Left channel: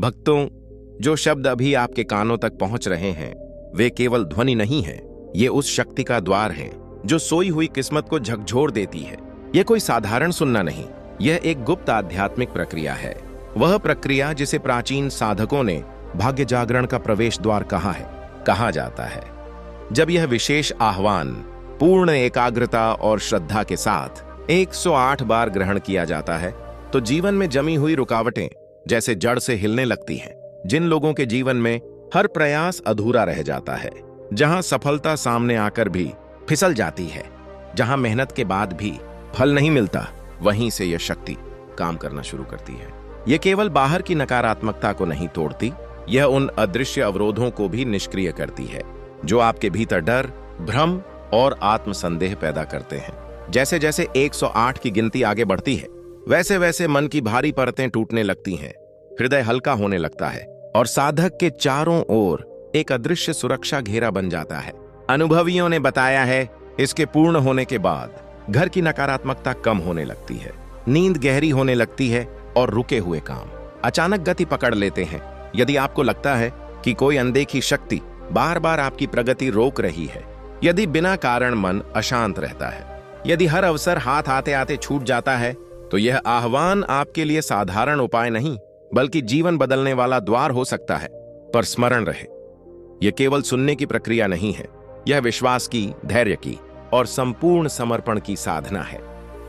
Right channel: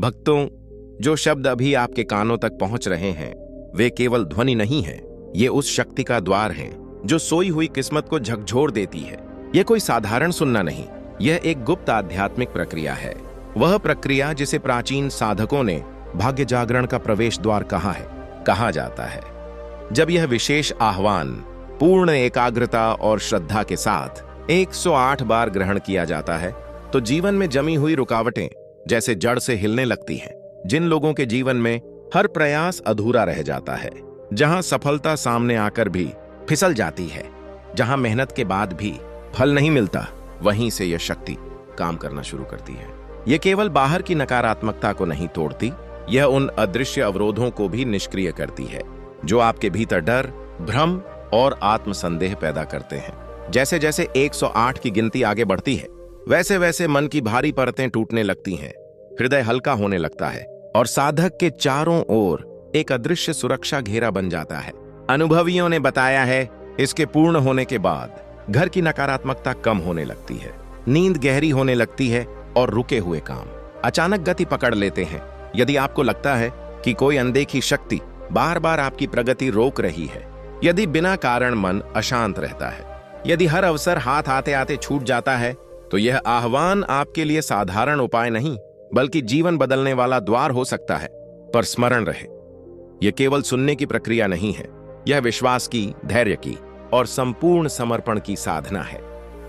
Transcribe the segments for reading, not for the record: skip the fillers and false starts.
भक्तों, जो शब्द अभी आपके कानों तक पहुंच रहे हैं वे केवल ध्वनि नहीं है, ये उस शक्ति का द्वार है जो सोई हुई किस्मत को झकझोर देती है। यह कोई साधारण सुनना नहीं, यह एक गुप्त आध्यात्मिक प्रक्रिया है। वह प्रक्रिया जिसे प्राचीन साधकों ने भाग्य जागरण का प्रवेश द्वार कहा जाता है। जब यह विशेष आह्वान पूर्ण एकाग्रता और श्रद्धा के साथ 108 बार ग्रहण किया जाता है तो जीवन में जमी हुई रुकावटें जैसे जड़ से हिलने लगती हैं। जिन लोगों के जीवन में हर प्रयास अधूरा रह जाता है, जहां सफलता सामने आकर भी फिसल जाती है, जहां मेहनत के बाद भी फल नहीं मिलता, वहीं से यह शक्ति काम करना शुरू करती है। यह केवल बाहर की नकारात्मकता को नहीं तोड़ती, यह उन अदृश्य अवरोधों को भी निष्क्रिय करती है जो आपके भीतर डर, भ्रम और आत्मसंदेह पैदा करते हैं। जैसे जैसे 108 की गिनती आगे बढ़ती है, वैसे वैसे मन की भारी परतें टूटने लगती हैं, हृदय हल्का होने लगता है और साधक के चारों ओर एक अदृश्य सुरक्षा घेरा बन जाता है। अनुभवियों ने बताया है, इसके पूर्ण होने के बाद घर की नकारात्मकता कम होने लगती है, नींद गहरी होने लगती है और रुके हुए काम अचानक गति पकड़ लेते हैं। यदि आपको लगता है कि कोई अनदेखी शक्ति बार बार आपकी प्रगति रोक रही है, यदि बिना कारण मन अशांत रहता है, यदि हर अवसर हाथ आते आते छूट जाता है, तो यह आह्वान आपके लिए साधारण उपाय नहीं बल्कि जीवन बदलने वाला द्वार हो सकता है। पर स्मरण रहे, यह केवल सुनने की प्रक्रिया नहीं है, यह विश्वास की, धैर्य की और संपूर्ण समर्पण की साधना है।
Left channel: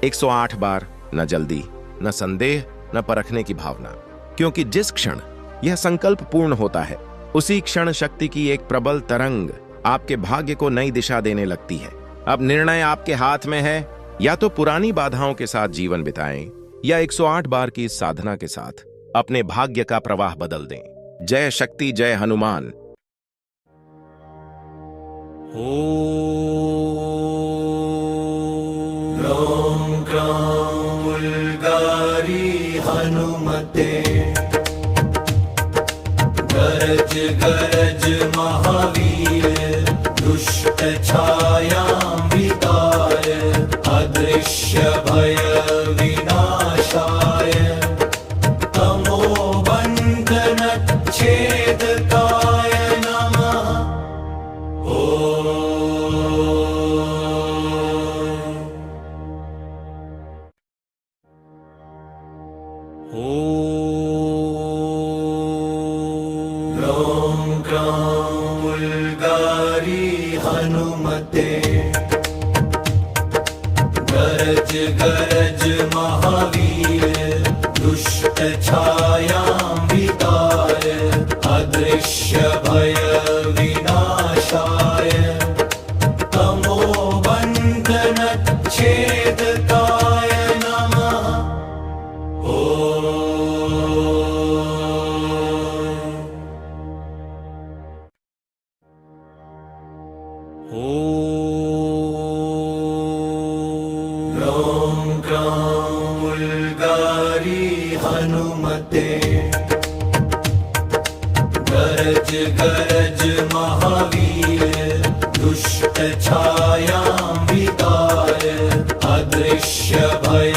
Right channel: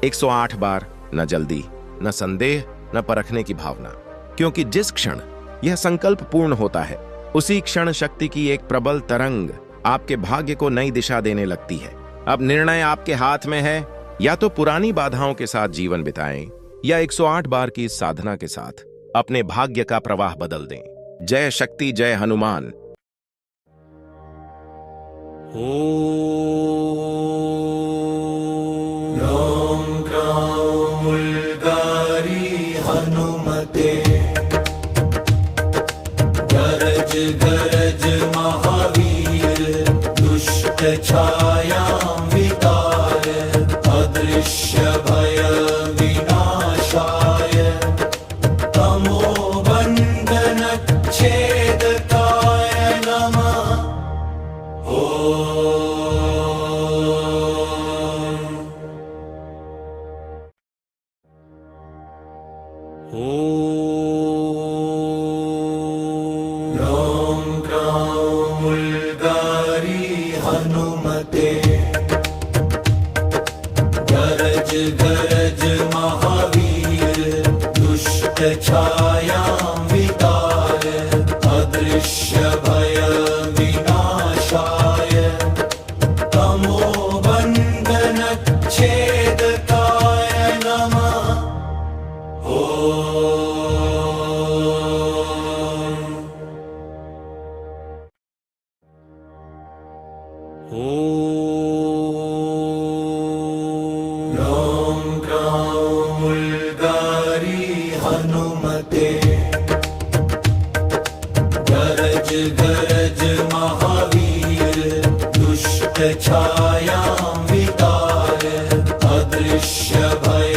108 बार, न जल्दी, न संदेह, न परखने की भावना, क्योंकि जिस क्षण यह संकल्प पूर्ण होता है उसी क्षण शक्ति की एक प्रबल तरंग आपके भाग्य को नई दिशा देने लगती है। अब निर्णय आपके हाथ में है, या तो पुरानी बाधाओं के साथ जीवन बिताएं या 108 बार की इस साधना के साथ अपने भाग्य का प्रवाह बदल दें। जय शक्ति, जय हनुमान। ओम ग्राम उल्गारी हनुमते, गरज गरज महावीर, दुष्ट छायां विताय, अदृश्य भय विनाशाय, तमो बंधन छेदकाय नमः। ओम ग्राम उल्गारी हनुमते, गरज गरज महावीर, दुष्ट छायां विताय, अदृश्य भय विनाशाय, तमो बंधन छेदकाय नमः। ओम ग्राम उल्गारी हनुमते, गरज गरज महावीर, दुष्ट छायां विताय, अदृश्य भय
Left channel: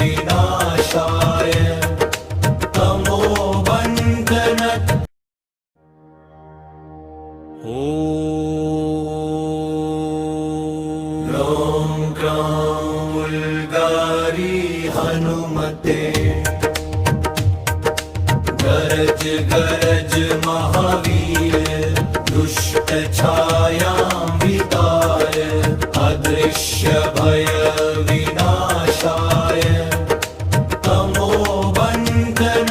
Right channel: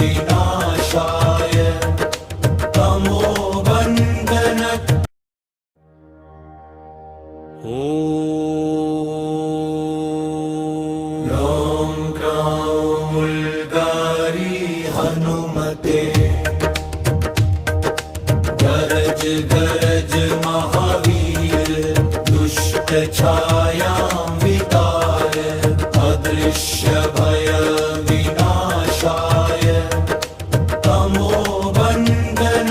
विनाशाय, तमो बंधन। ओम ग्राम उल्गारी हनुमते, गरज गरज महावीर, दुष्ट छायां विताय, अदृश्य भय विनाशाय, तमो बंधन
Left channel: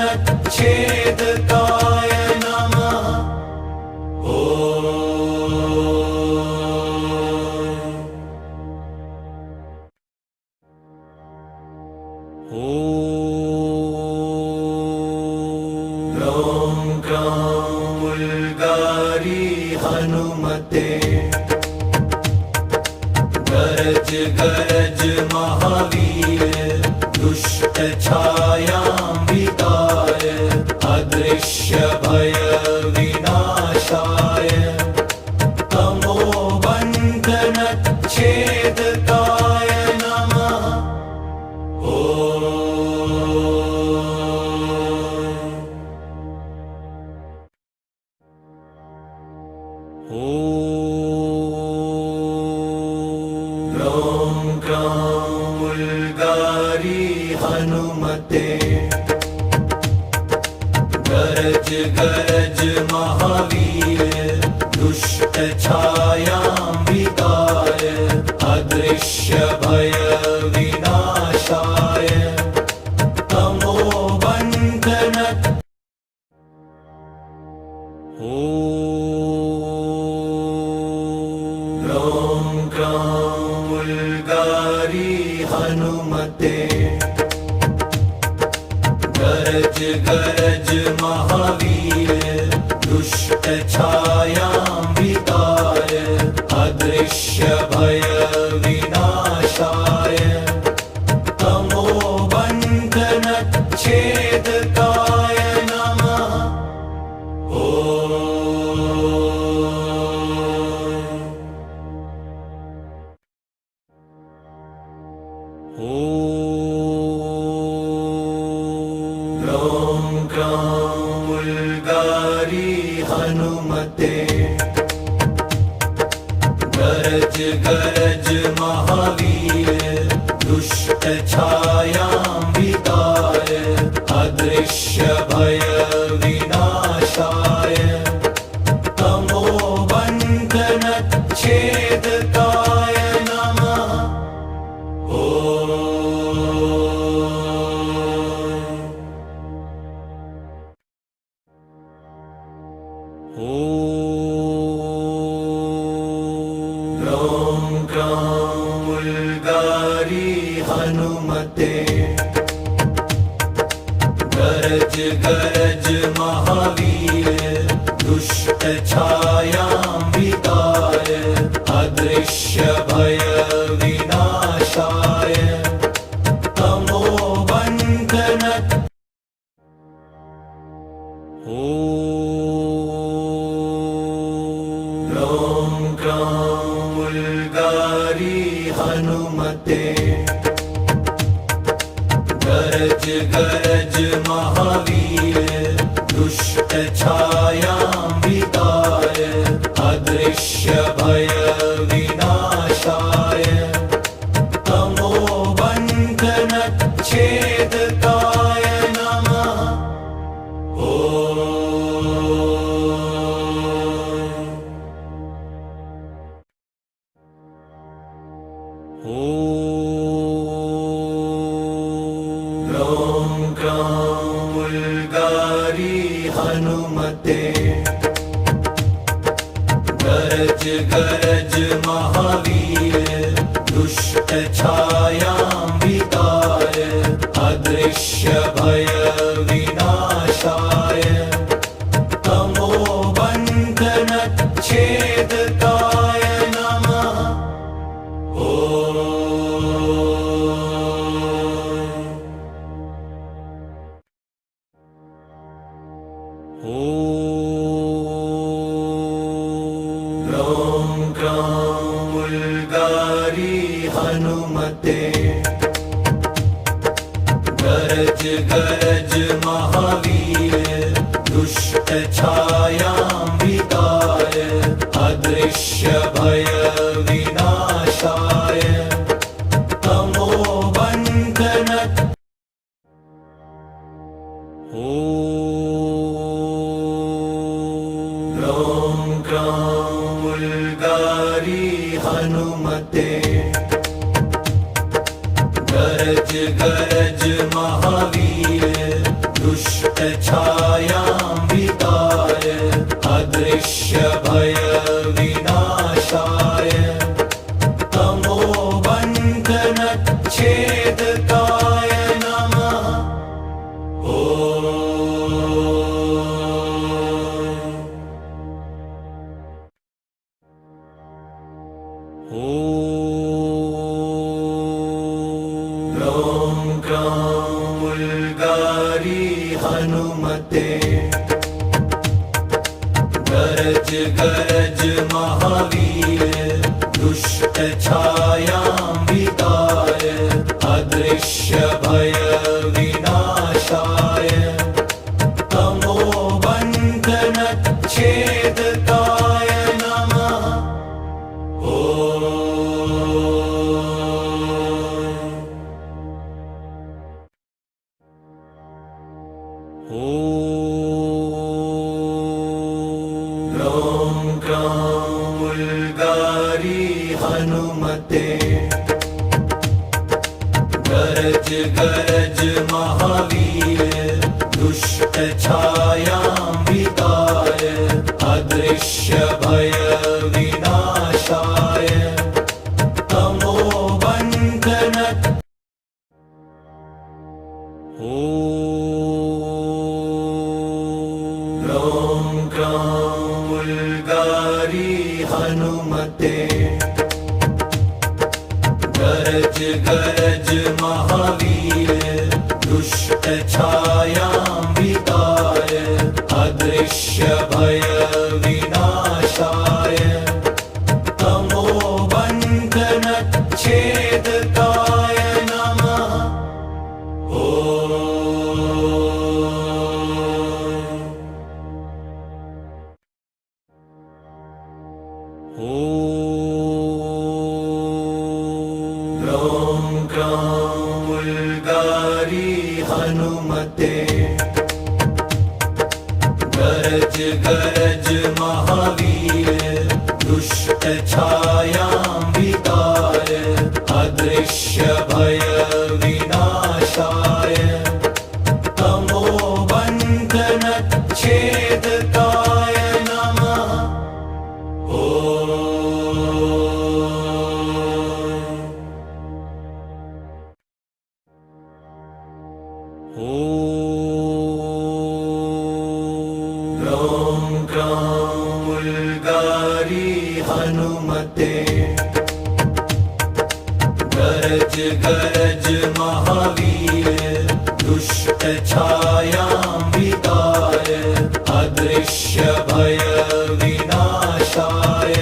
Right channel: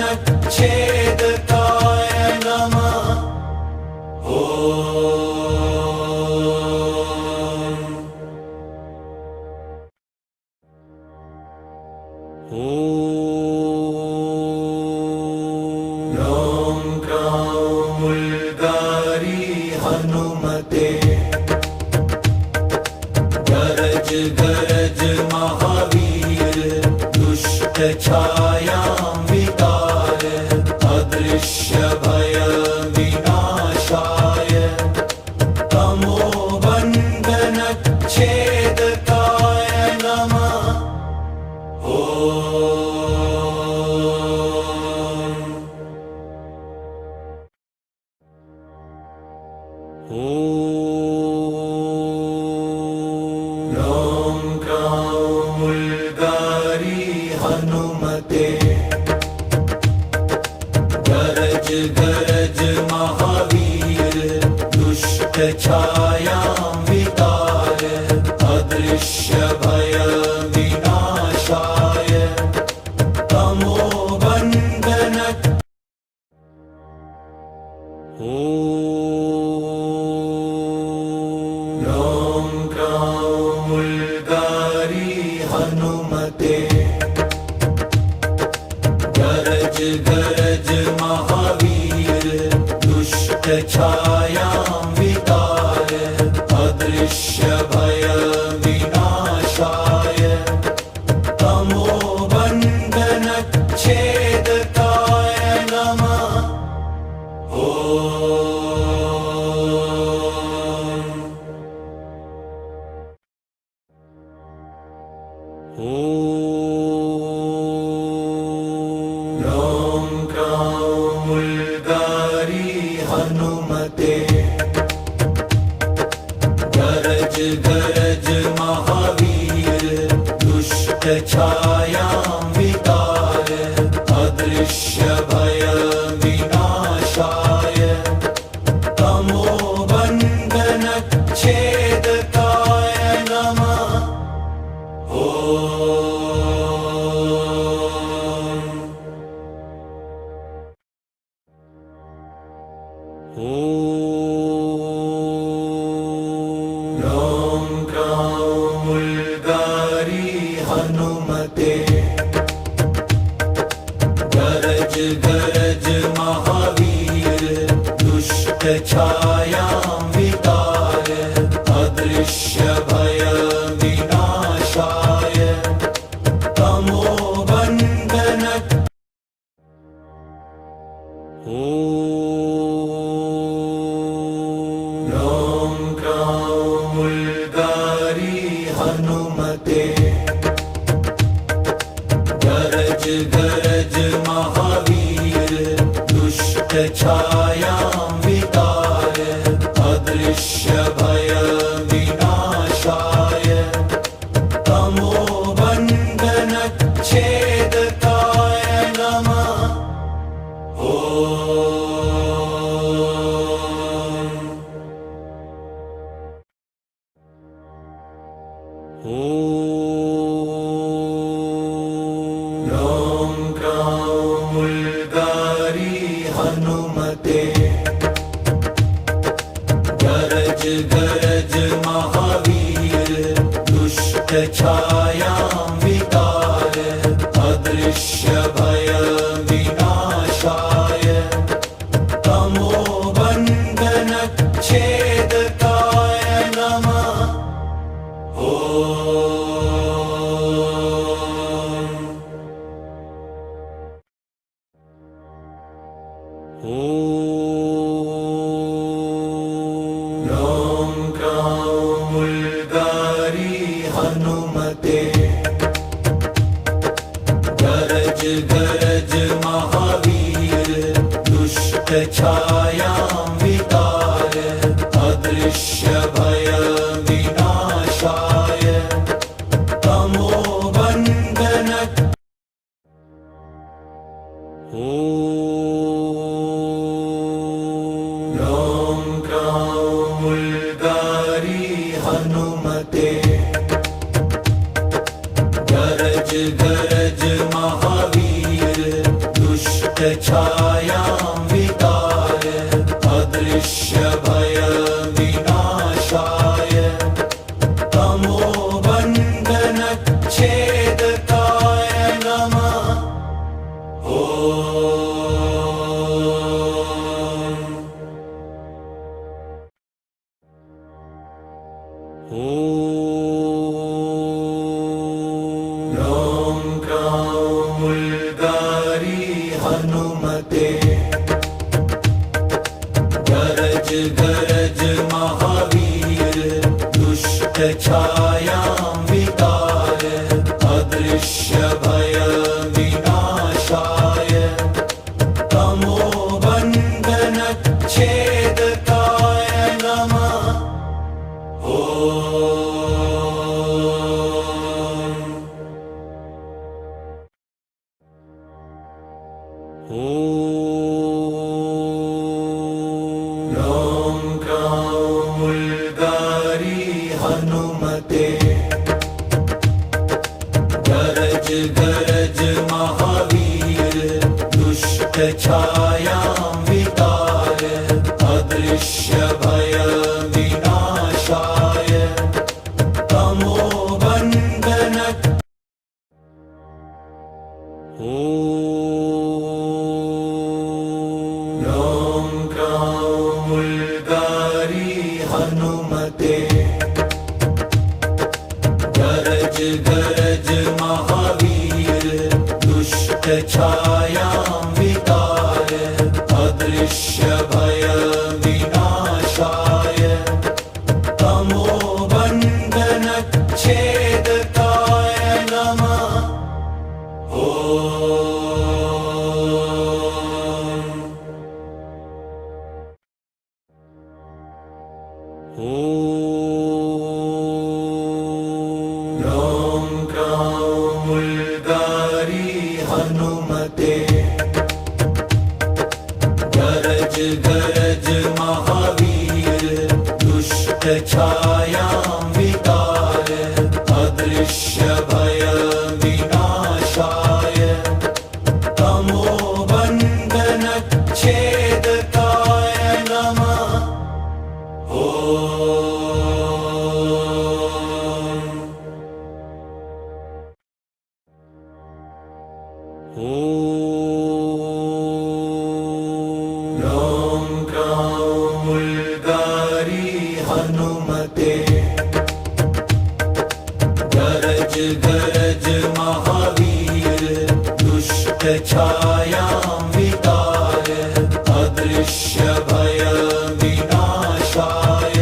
छेदकाय नमः। ओम ग्राम उल्गारी हनुमते, गरज गरज महावीर, दुष्ट छायां विताय, अदृश्य भय विनाशाय, तमो बंधन छेदकाय नमः। ॐ क्रां उल्गारी हनुमते गरज गरज महावीर दुष्ट छायां वितार अदृश्य भय विनाशाय तमो बंधन ॐ क्रां उल्गारी हनुमते गरज गरज महावीर दुष्ट छायां वितार अदृश्य भय विनाशाय तमो बंधन छेदकाय नमः ॐ क्रां उल्गारी हनुमते गरज गरज महावीर दुष्ट छायां वितार अदृश्य भय विनाशाय तमो बंधन छेदकाय नमः ॐ क्रां उल्गारी हनुमते गरज गरज महावीर दुष्ट छायां वितार अदृश्य भय विनाशाय तमो बंधन ॐ क्रां उल्गारी हनुमते गरज गरज महावीर दुष्ट छायां वितार अदृश्य भय विनाशाय तमो बंधन छेदकाय नमः ॐ क्रां उल्गारी हनुमते गरज गरज महावीर दुष्ट छायां वितार अदृश्य भय विनाशाय तमो बंधन छेदकाय नमः ॐ क्रां उल्गारी हनुमते गरज गरज महावीर दुष्ट छायां वितार अदृश्य भय विनाशाय तमो बंधन ॐ क्रां उल्गारी हनुमते गरज गरज महावीर दुष्ट छायां वितार अदृश्य भय विनाशाय तमो बंधन छेदकाय नमः ॐ क्रां उल्गारी हनुमते गरज गरज महावीर दुष्ट छायां वितार अदृश्य भय विनाशाय तमो बंधन छेदकाय नमः हनुमते गरज गरज महावीर दुष्ट छायां वितार अदृश्य भय विनाशाय तमोबन्धन ॐ ग्रां उल्गारी हनुमते गरज गरज महावीर दुष्ट छायां वितार अदृश्य भय विनाशाय तमोबन्धन छेदकाय नमः ॐ ग्रां उल्गारी हनुमते गरज गरज महावीर दुष्ट छायां वितार अदृश्य भय विनाशाय तमोबन्धन छेदकाय नमः ॐ ग्रां उल्गारी हनुमते गरज गरज महावीर दुष्ट छायां वितार अदृश्य भय विनाशाय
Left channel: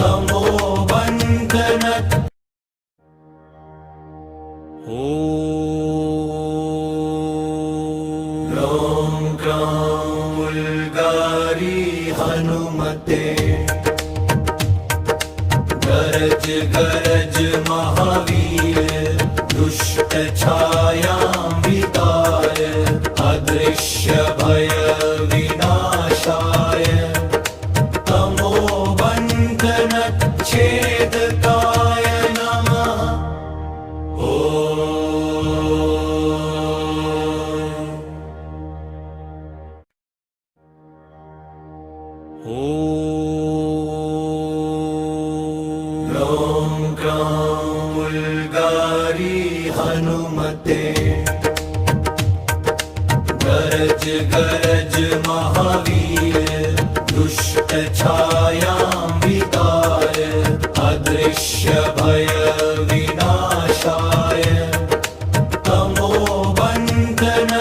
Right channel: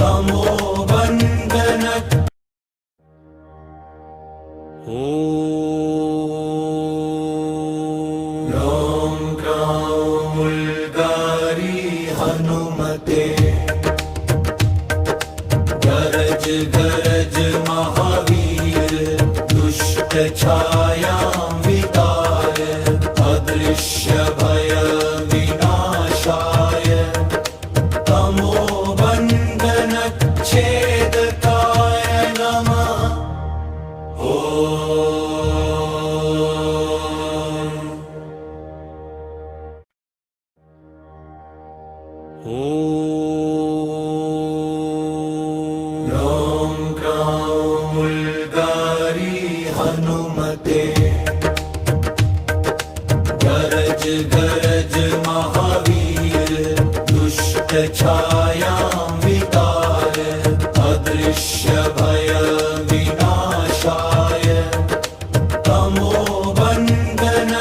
तमोबन्धन ॐ ग्रां उल्गारी हनुमते गरज गरज महावीर दुष्ट छायां वितार अदृश्य भय विनाशाय तमोबन्धन छेदकाय नमः ॐ ग्रां उल्गारी हनुमते गरज गरज महावीर दुष्ट छायां वितार अदृश्य भय विनाशाय तमोबन्धन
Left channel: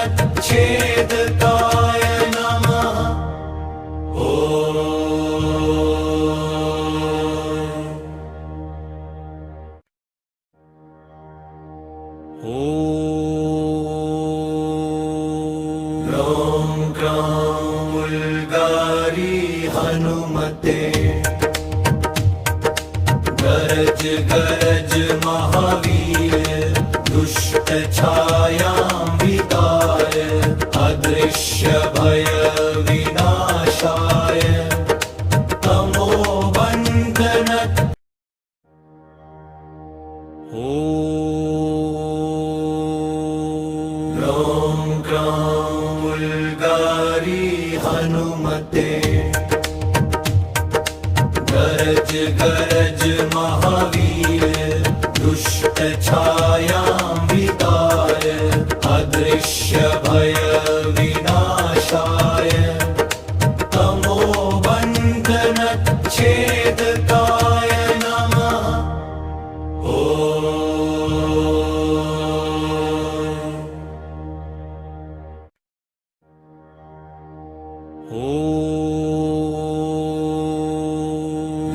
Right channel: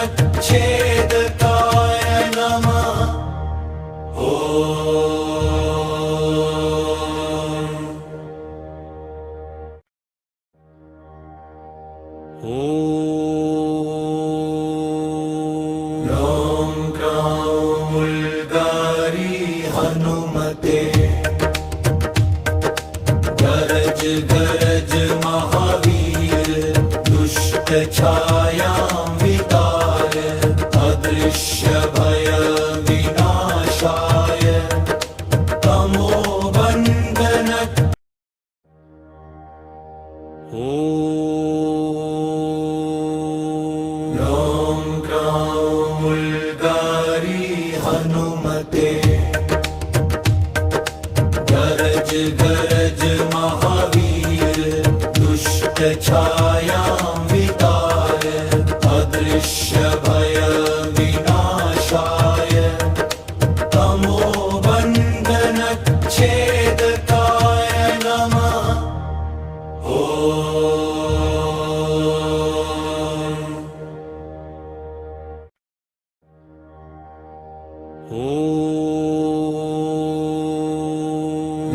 छेदकाय नमः ॐ ग्रां उल्गारी हनुमते गरज गरज महावीर दुष्ट छायां वितार अदृश्य भय विनाशाय तमोबन्धन ॐ ग्रां उल्गारी हनुमते गरज गरज महावीर दुष्ट छायां वितार अदृश्य भय विनाशाय तमोबन्धन छेदकाय नमः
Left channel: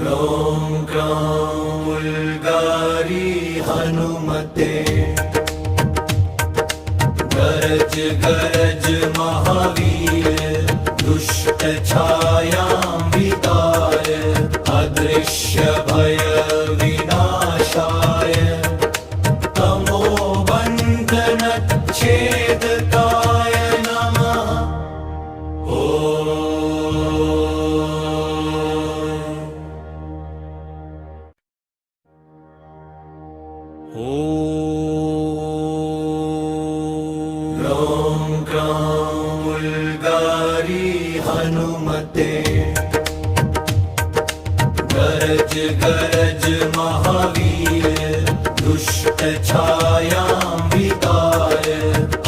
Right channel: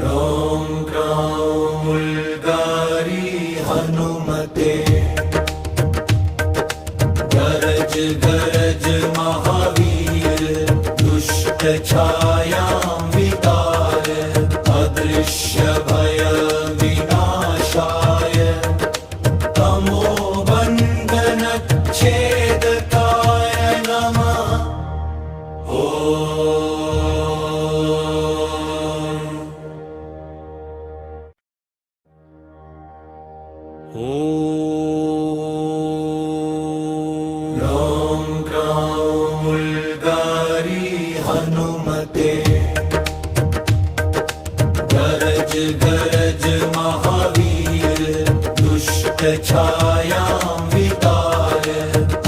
ॐ ग्रां उल्गारी हनुमते गरज गरज महावीर दुष्ट छायां वितार अदृश्य भय विनाशाय तमोबन्धन छेदकाय नमः हनुमते गरज गरज महावीर दुष्ट छायां वितार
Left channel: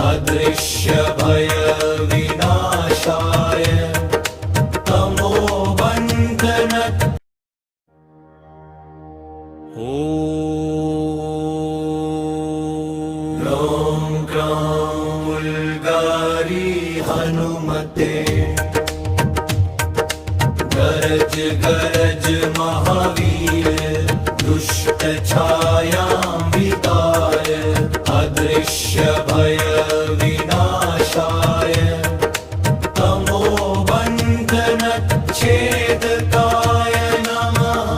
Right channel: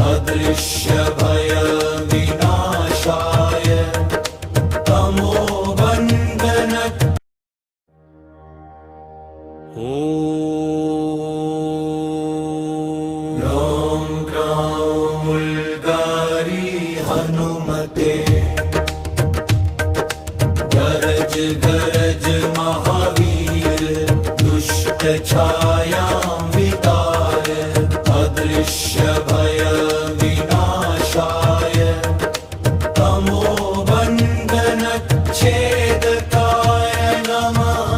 अदृश्य भय विनाशाय तमो बंधन ॐ ग्रां उल्गारी हनुमते गरज गरज महावीर दुष्ट छायां वितार अदृश्य भय विनाशाय तमो बंधन छेदकाय नमः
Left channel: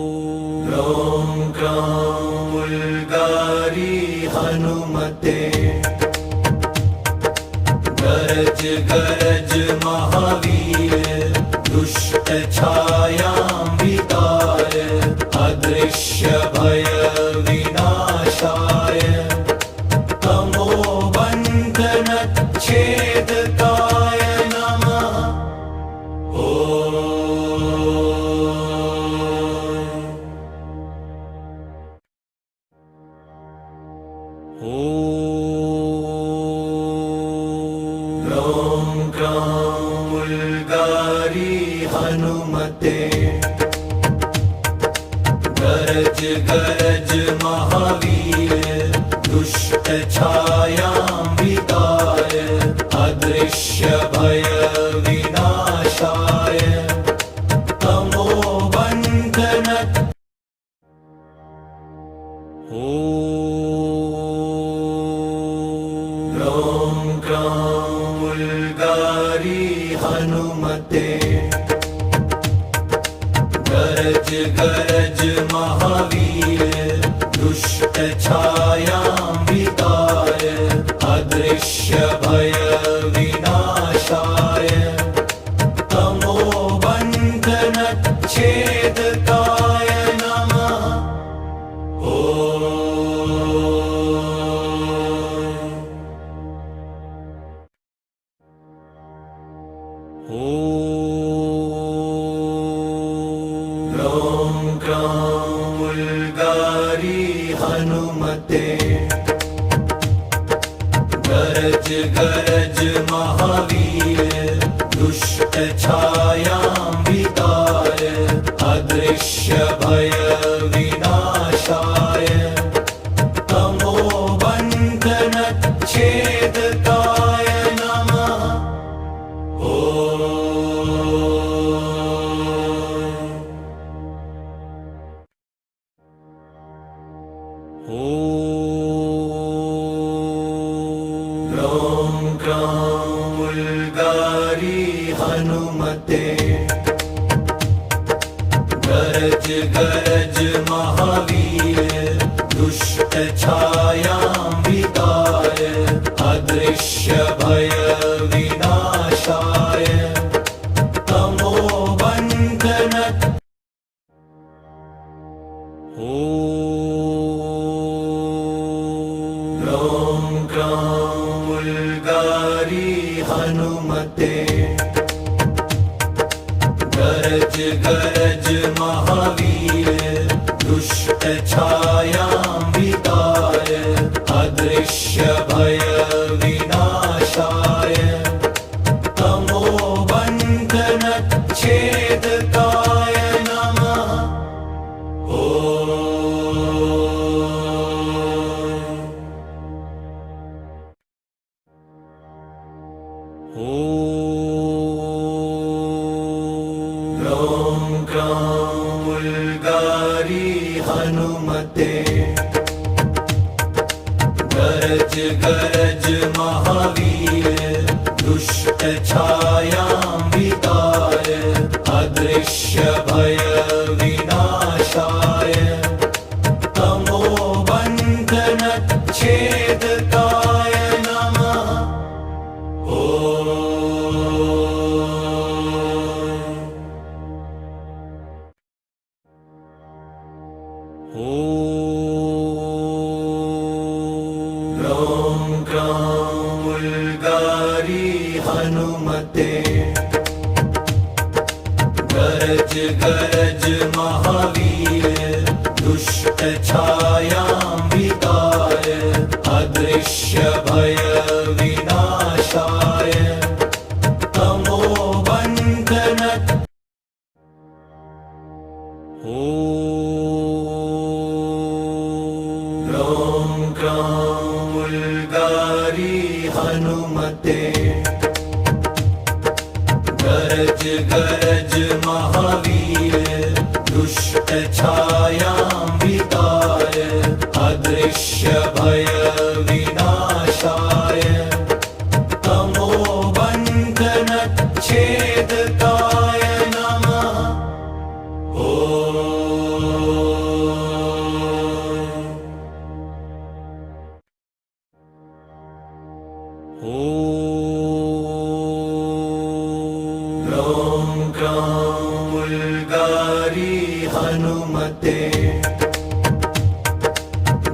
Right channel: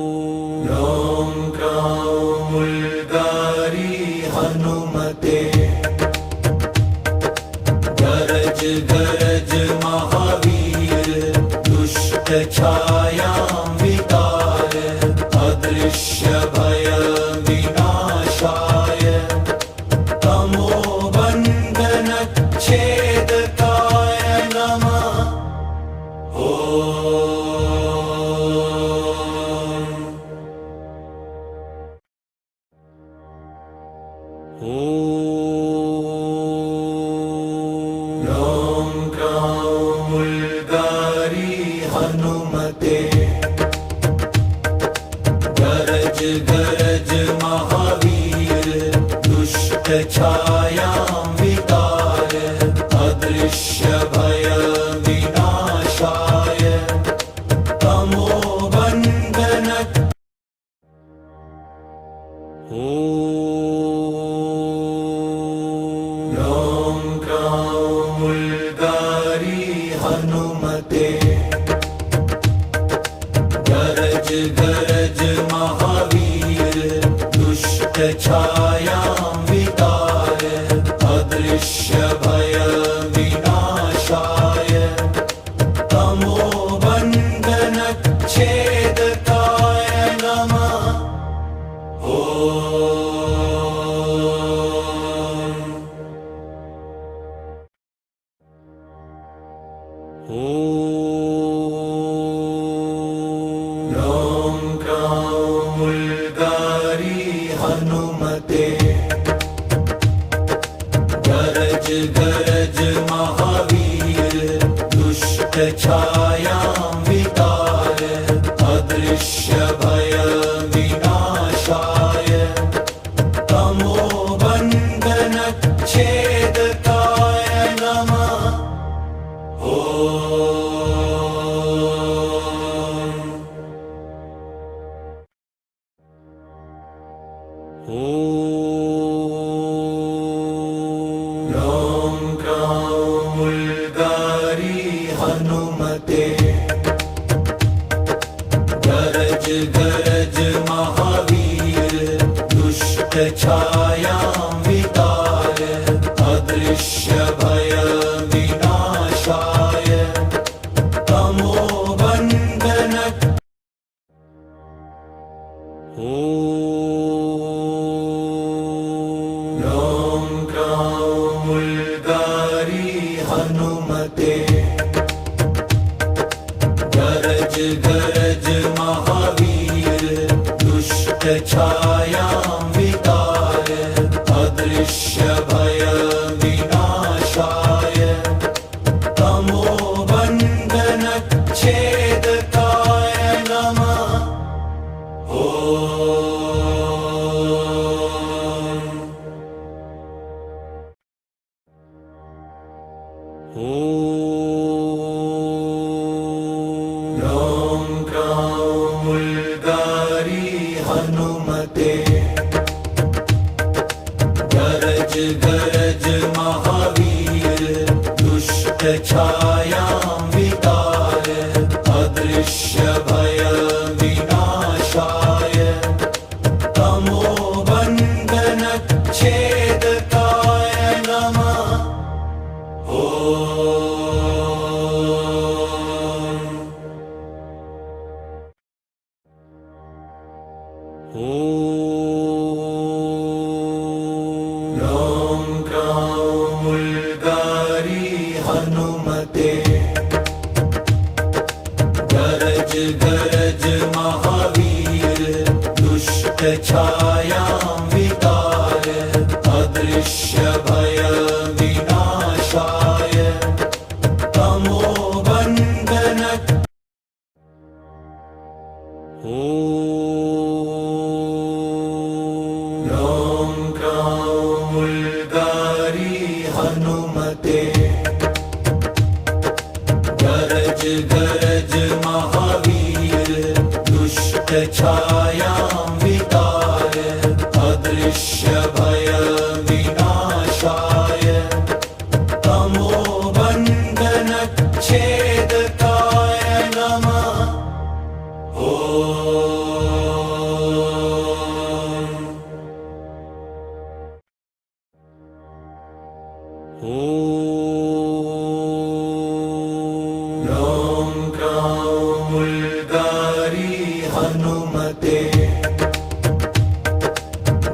ॐ ग्रां उल्गारी हनुमते गरज गरज महावीर दुष्ट छायां वितार अदृश्य भय विनाशाय तमो बंधन छेदकाय नमः ॐ ग्रां उल्गारी हनुमते गरज गरज महावीर दुष्ट छायां वितार अदृश्य भय विनाशाय तमो बंधन ॐ ग्रां उल्गारी हनुमते गरज गरज महावीर दुष्ट छायां वितार अदृश्य भय विनाशाय तमो बंधन छेदकाय नमः ॐ ग्रां उल्गारी हनुमते गरज गरज महावीर दुष्ट छायां वितार अदृश्य भय विनाशाय तमो बंधन छेदकाय नमः ॐ ग्रां उल्गारी हनुमते गरज गरज महावीर दुष्ट छायां वितार अदृश्य भय विनाशाय तमो बंधन ॐ ग्रां उल्गारी हनुमते गरज गरज महावीर दुष्ट छायां वितार अदृश्य भय विनाशाय तमो बंधन छेदकाय नमः ॐ ग्रां उल्गारी हनुमते गरज गरज महावीर दुष्ट छायां वितार अदृश्य भय विनाशाय तमो बंधन छेदकाय नमः ॐ ॐ क्रां उल्गारी हनुमते गरज गरज महावीर दुष्ट छायां विताय अदृश्य भय विनाशाय तमोबन्धन ॐ क्रां उल्गारी हनुमते गरज गरज महावीर दुष्ट छायां विताय अदृश्य भय विनाशाय तमोबन्धन छेदकाय नमः ॐ क्रां उल्गारी हनुमते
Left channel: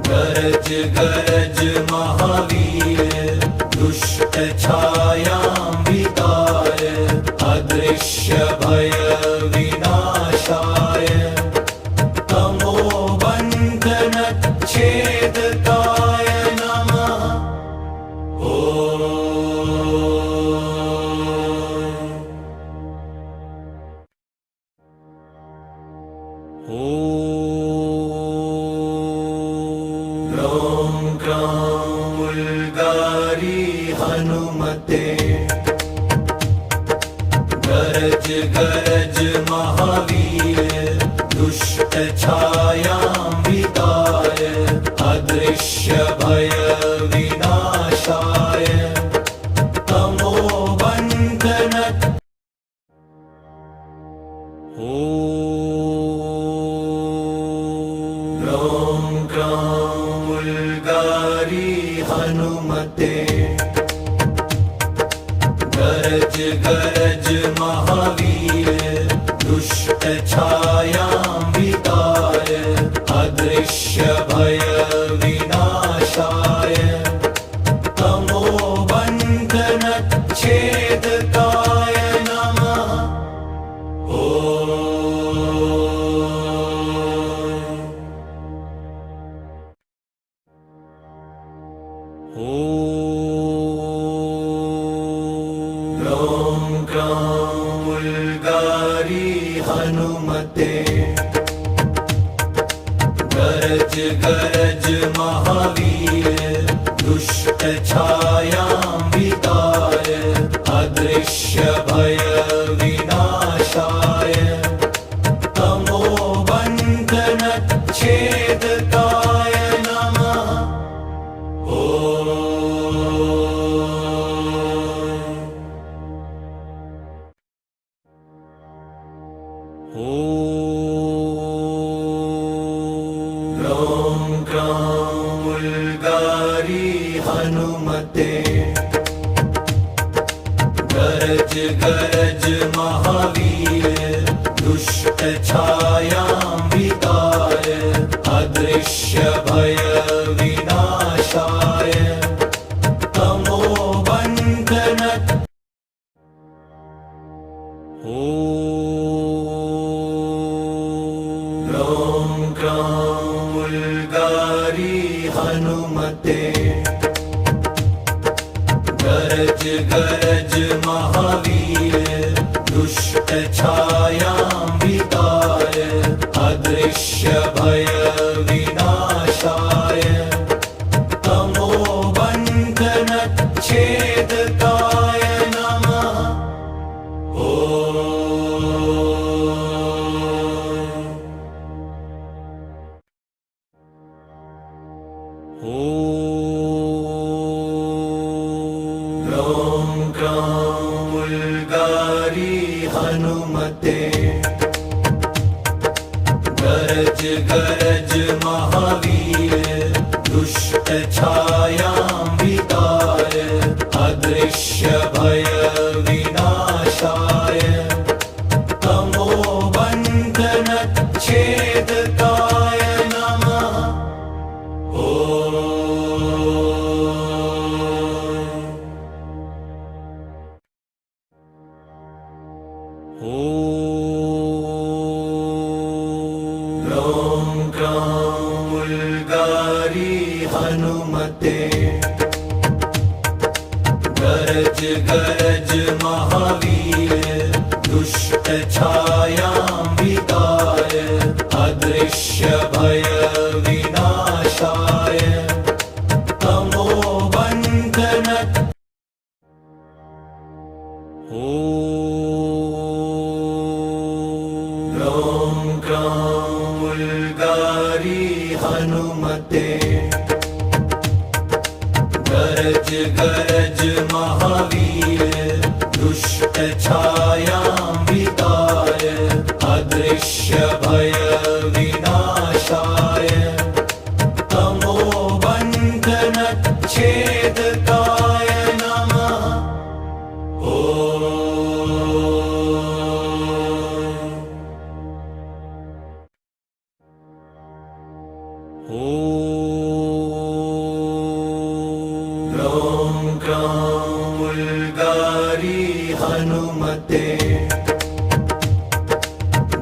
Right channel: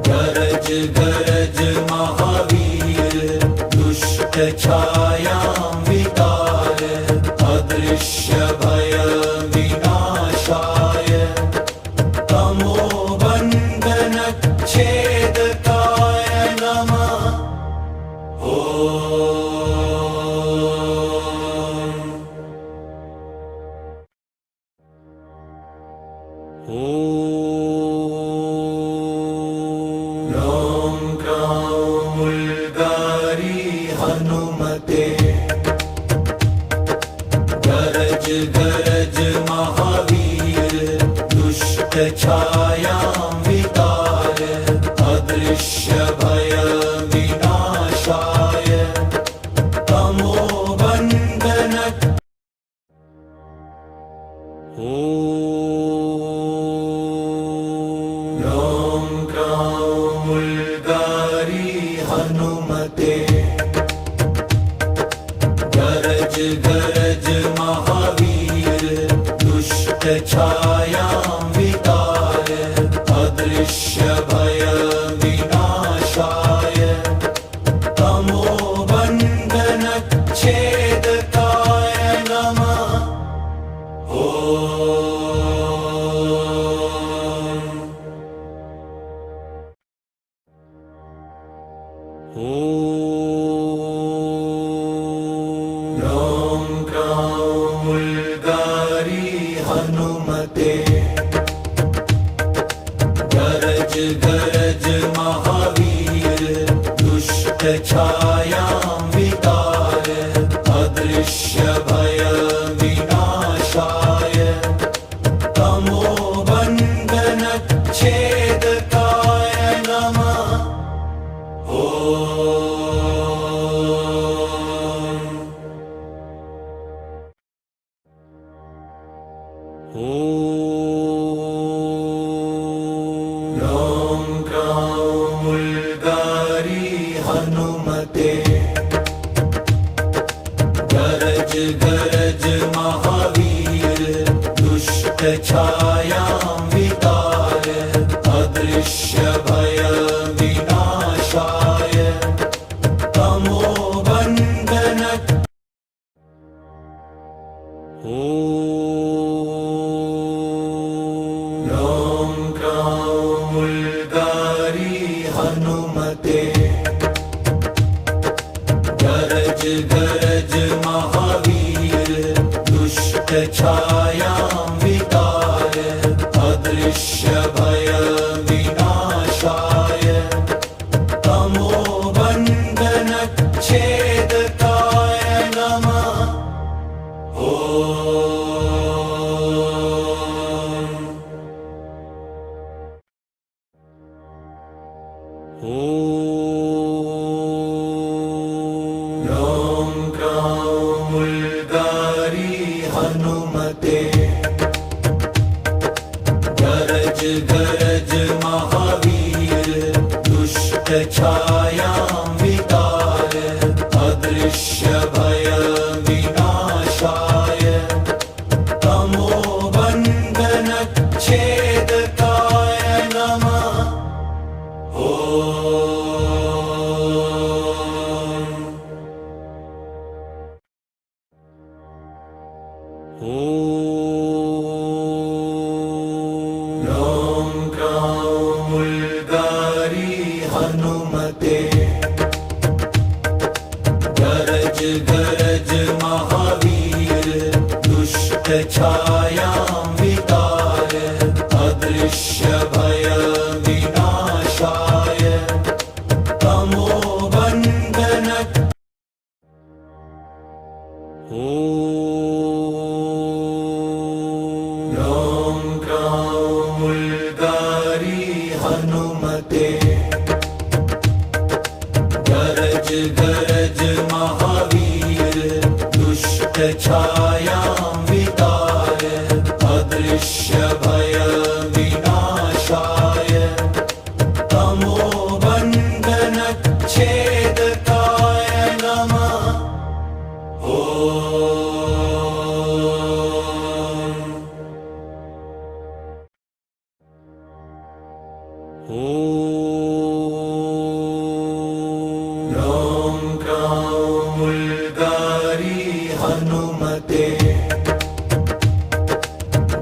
गरज गरज महावीर दुष्ट छायां विताय अदृश्य भय विनाशाय तमोबन्धन छेदकाय नमः ॐ क्रां उल्गारी हनुमते गरज गरज महावीर दुष्ट छायां विताय अदृश्य भय विनाशाय तमोबन्धन ॐ क्रां उल्गारी हनुमते गरज गरज महावीर दुष्ट छायां विताय अदृश्य भय विनाशाय तमोबन्धन छेदकाय नमः ॐ क्रां उल्गारी हनुमते गरज गरज महावीर दुष्ट छायां विताय अदृश्य भय विनाशाय तमोबन्धन छेदकाय नमः ॐ क्रां उल्गारी हनुमते गरज गरज महावीर दुष्ट छायां विताय अदृश्य भय विनाशाय तमोबन्धन ॐ क्रां उल्गारी हनुमते गरज गरज महावीर दुष्ट छायां विताय अदृश्य भय विनाशाय तमोबन्धन छेदकाय नमः ॐ क्रां उल्गारी हनुमते गरज गरज महावीर दुष्ट छायां विताय अदृश्य भय विनाशाय तमोबन्धन छेदकाय नमः हनुमते गरज गरज महावीर दुष्ट छायां वितार अदृश्य भय विनाशाय तमो बंधन ॐ ग्रां उल्गारी हनुमते गरज गरज महावीर दुष्ट छायां वितार अदृश्य भय विनाशाय तमो बंधन छेदकाय नमः ॐ ग्रां उल्गारी हनुमते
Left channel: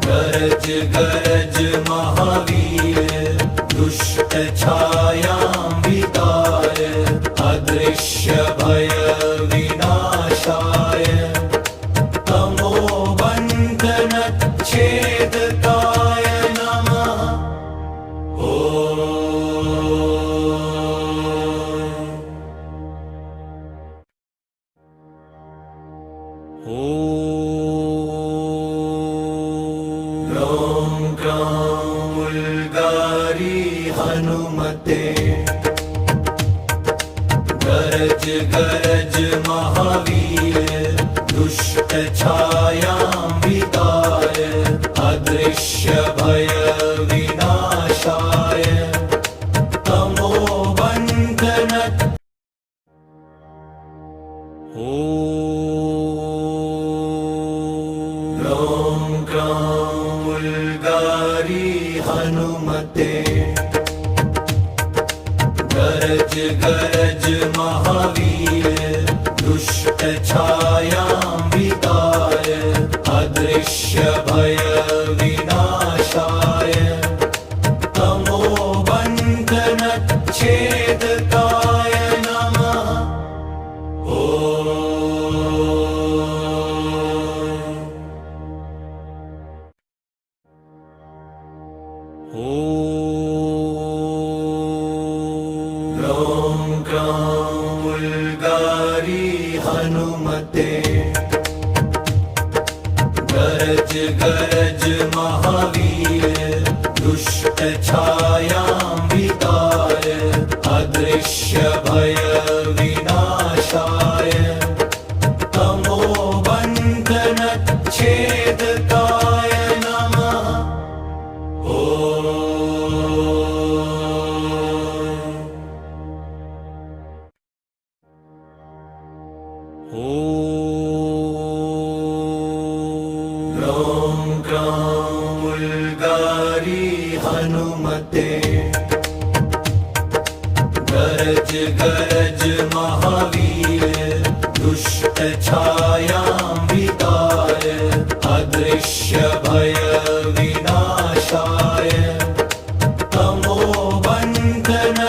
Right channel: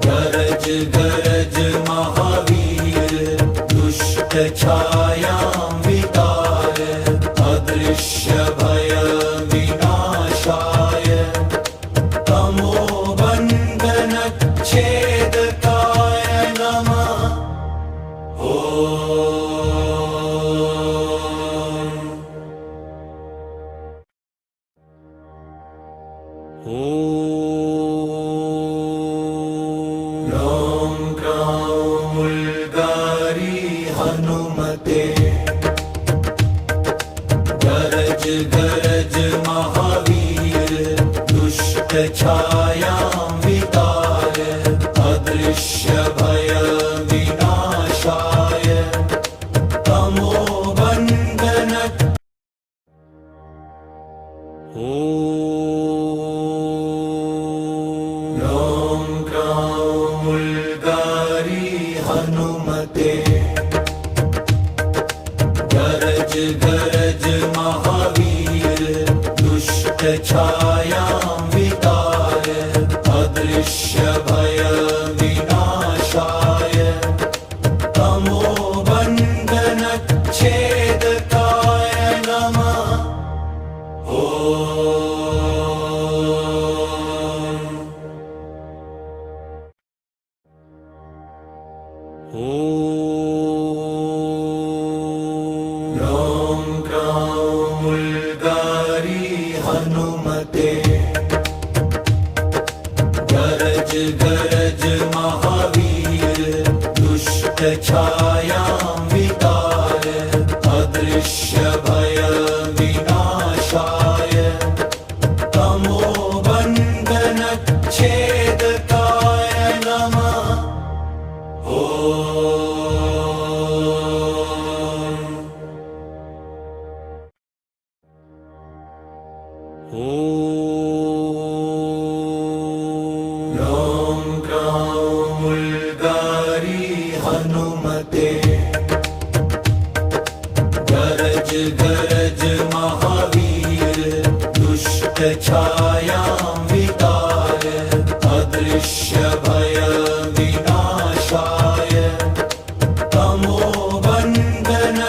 गरज गरज महावीर दुष्ट छायां वितार अदृश्य भय विनाशाय तमो बंधन छेदकाय नमः ॐ ग्रां उल्गारी हनुमते गरज गरज महावीर दुष्ट छायां वितार अदृश्य भय विनाशाय तमो बंधन ॐ ग्रां उल्गारी हनुमते गरज गरज महावीर दुष्ट छायां वितार अदृश्य भय विनाशाय तमो बंधन छेदकाय नमः ॐ ग्रां उल्गारी हनुमते गरज गरज महावीर दुष्ट छायां वितार अदृश्य भय विनाशाय तमो बंधन छेदकाय नमः ॐ ग्रां उल्गारी हनुमते गरज गरज महावीर दुष्ट छायां वितार अदृश्य भय विनाशाय तमो बंधन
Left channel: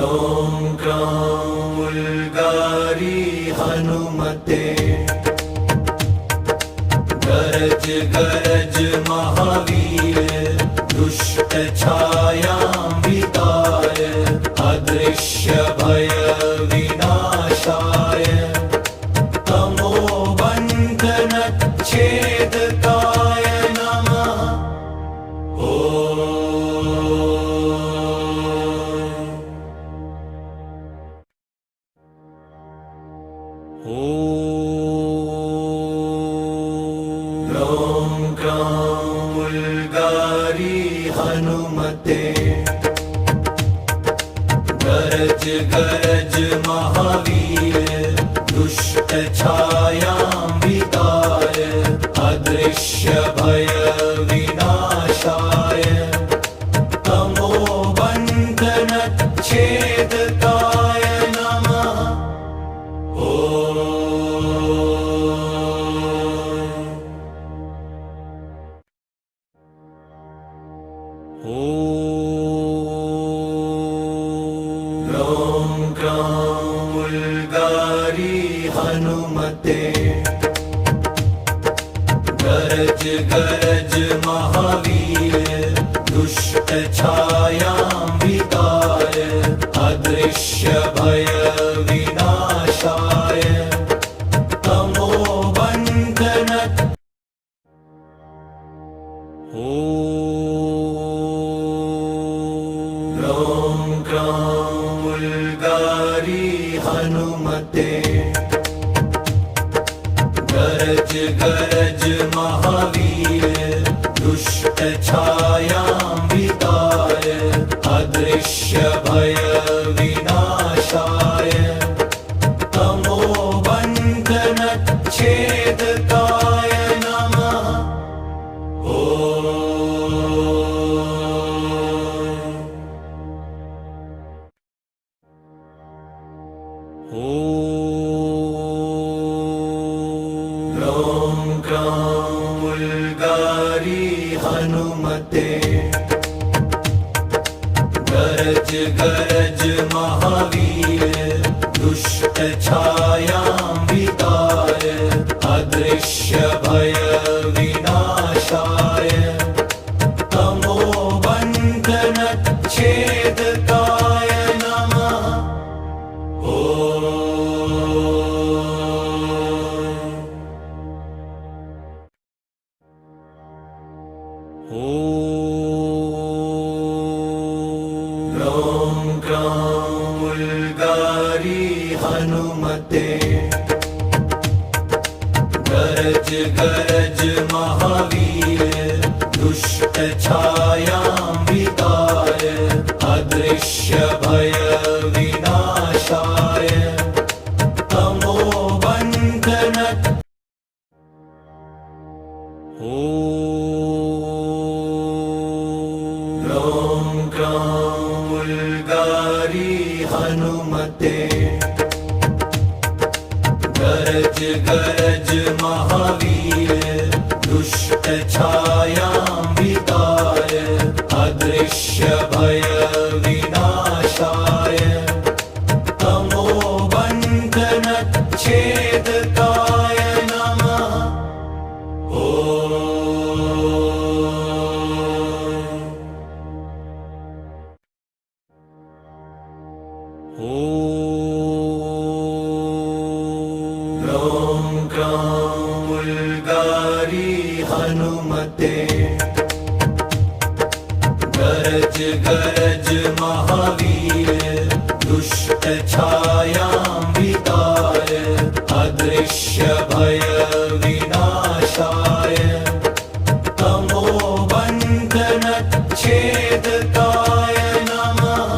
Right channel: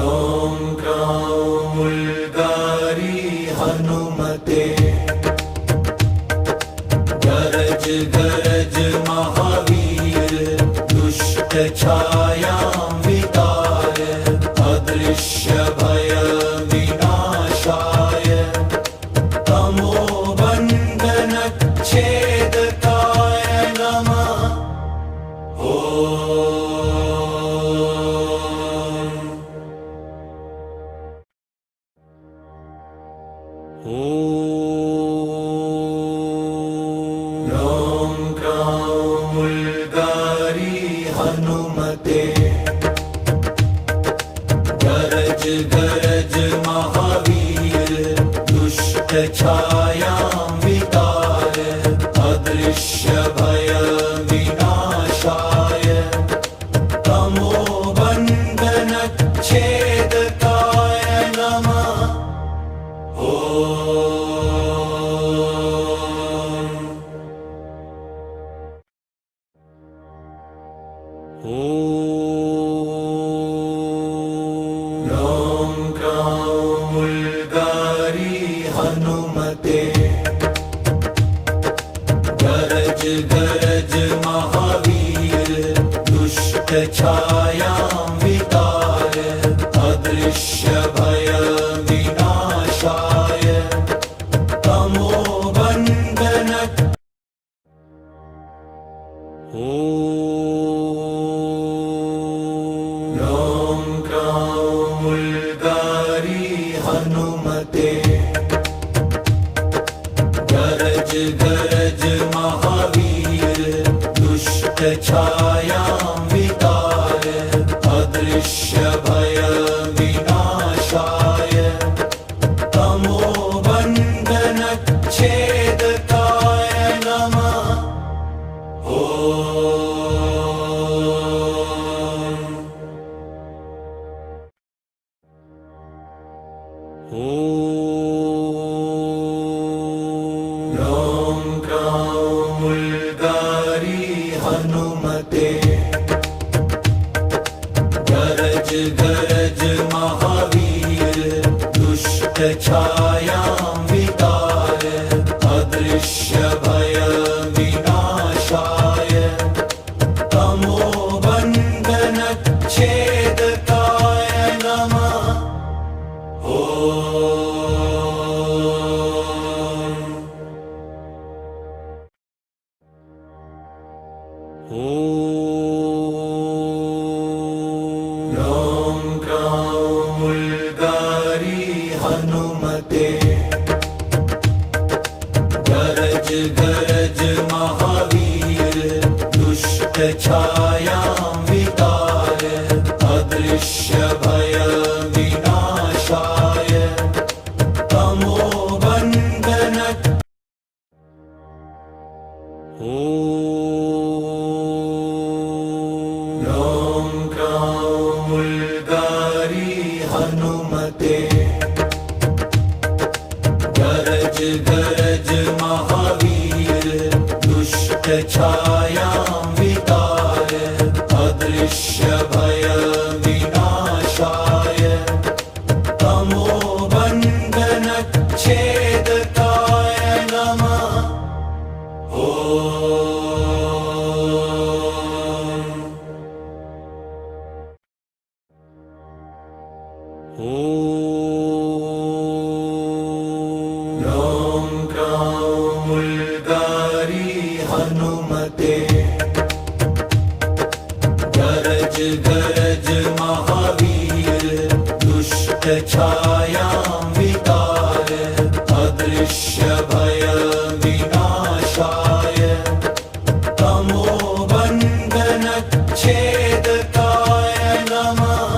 ॐ ग्रां उल्गारी हनुमते गरज गरज महावीर दुष्ट छायां वितार अदृश्य भय विनाशाय तमो बंधन छेदकाय नमः ॐ ग्रां उल्गारी हनुमते गरज गरज महावीर दुष्ट छायां वितार अदृश्य भय विनाशाय तमो बंधन छेदकाय नमः हनुमते गरज गरज महावीर दुष्ट छायां वितार अदृश्य भय विनाशाय तमो बंधन ॐ ग्रां उल्गारी हनुमते गरज गरज महावीर दुष्ट छायां वितार अदृश्य भय विनाशाय तमो बंधन छेदकाय नमः ॐ ग्रां उल्गारी हनुमते गरज गरज महावीर दुष्ट छायां वितार अदृश्य भय विनाशाय तमो बंधन छेदकाय नमः ॐ ग्रां उल्गारी हनुमते गरज गरज महावीर दुष्ट छायां वितार अदृश्य भय विनाशाय तमो बंधन ॐ ग्रां उल्गारी हनुमते गरज गरज महावीर दुष्ट छायां वितार अदृश्य भय विनाशाय तमो बंधन छेदकाय नमः ॐ ग्रां उल्गारी हनुमते गरज गरज महावीर दुष्ट छायां वितार अदृश्य भय विनाशाय तमो बंधन छेदकाय नमः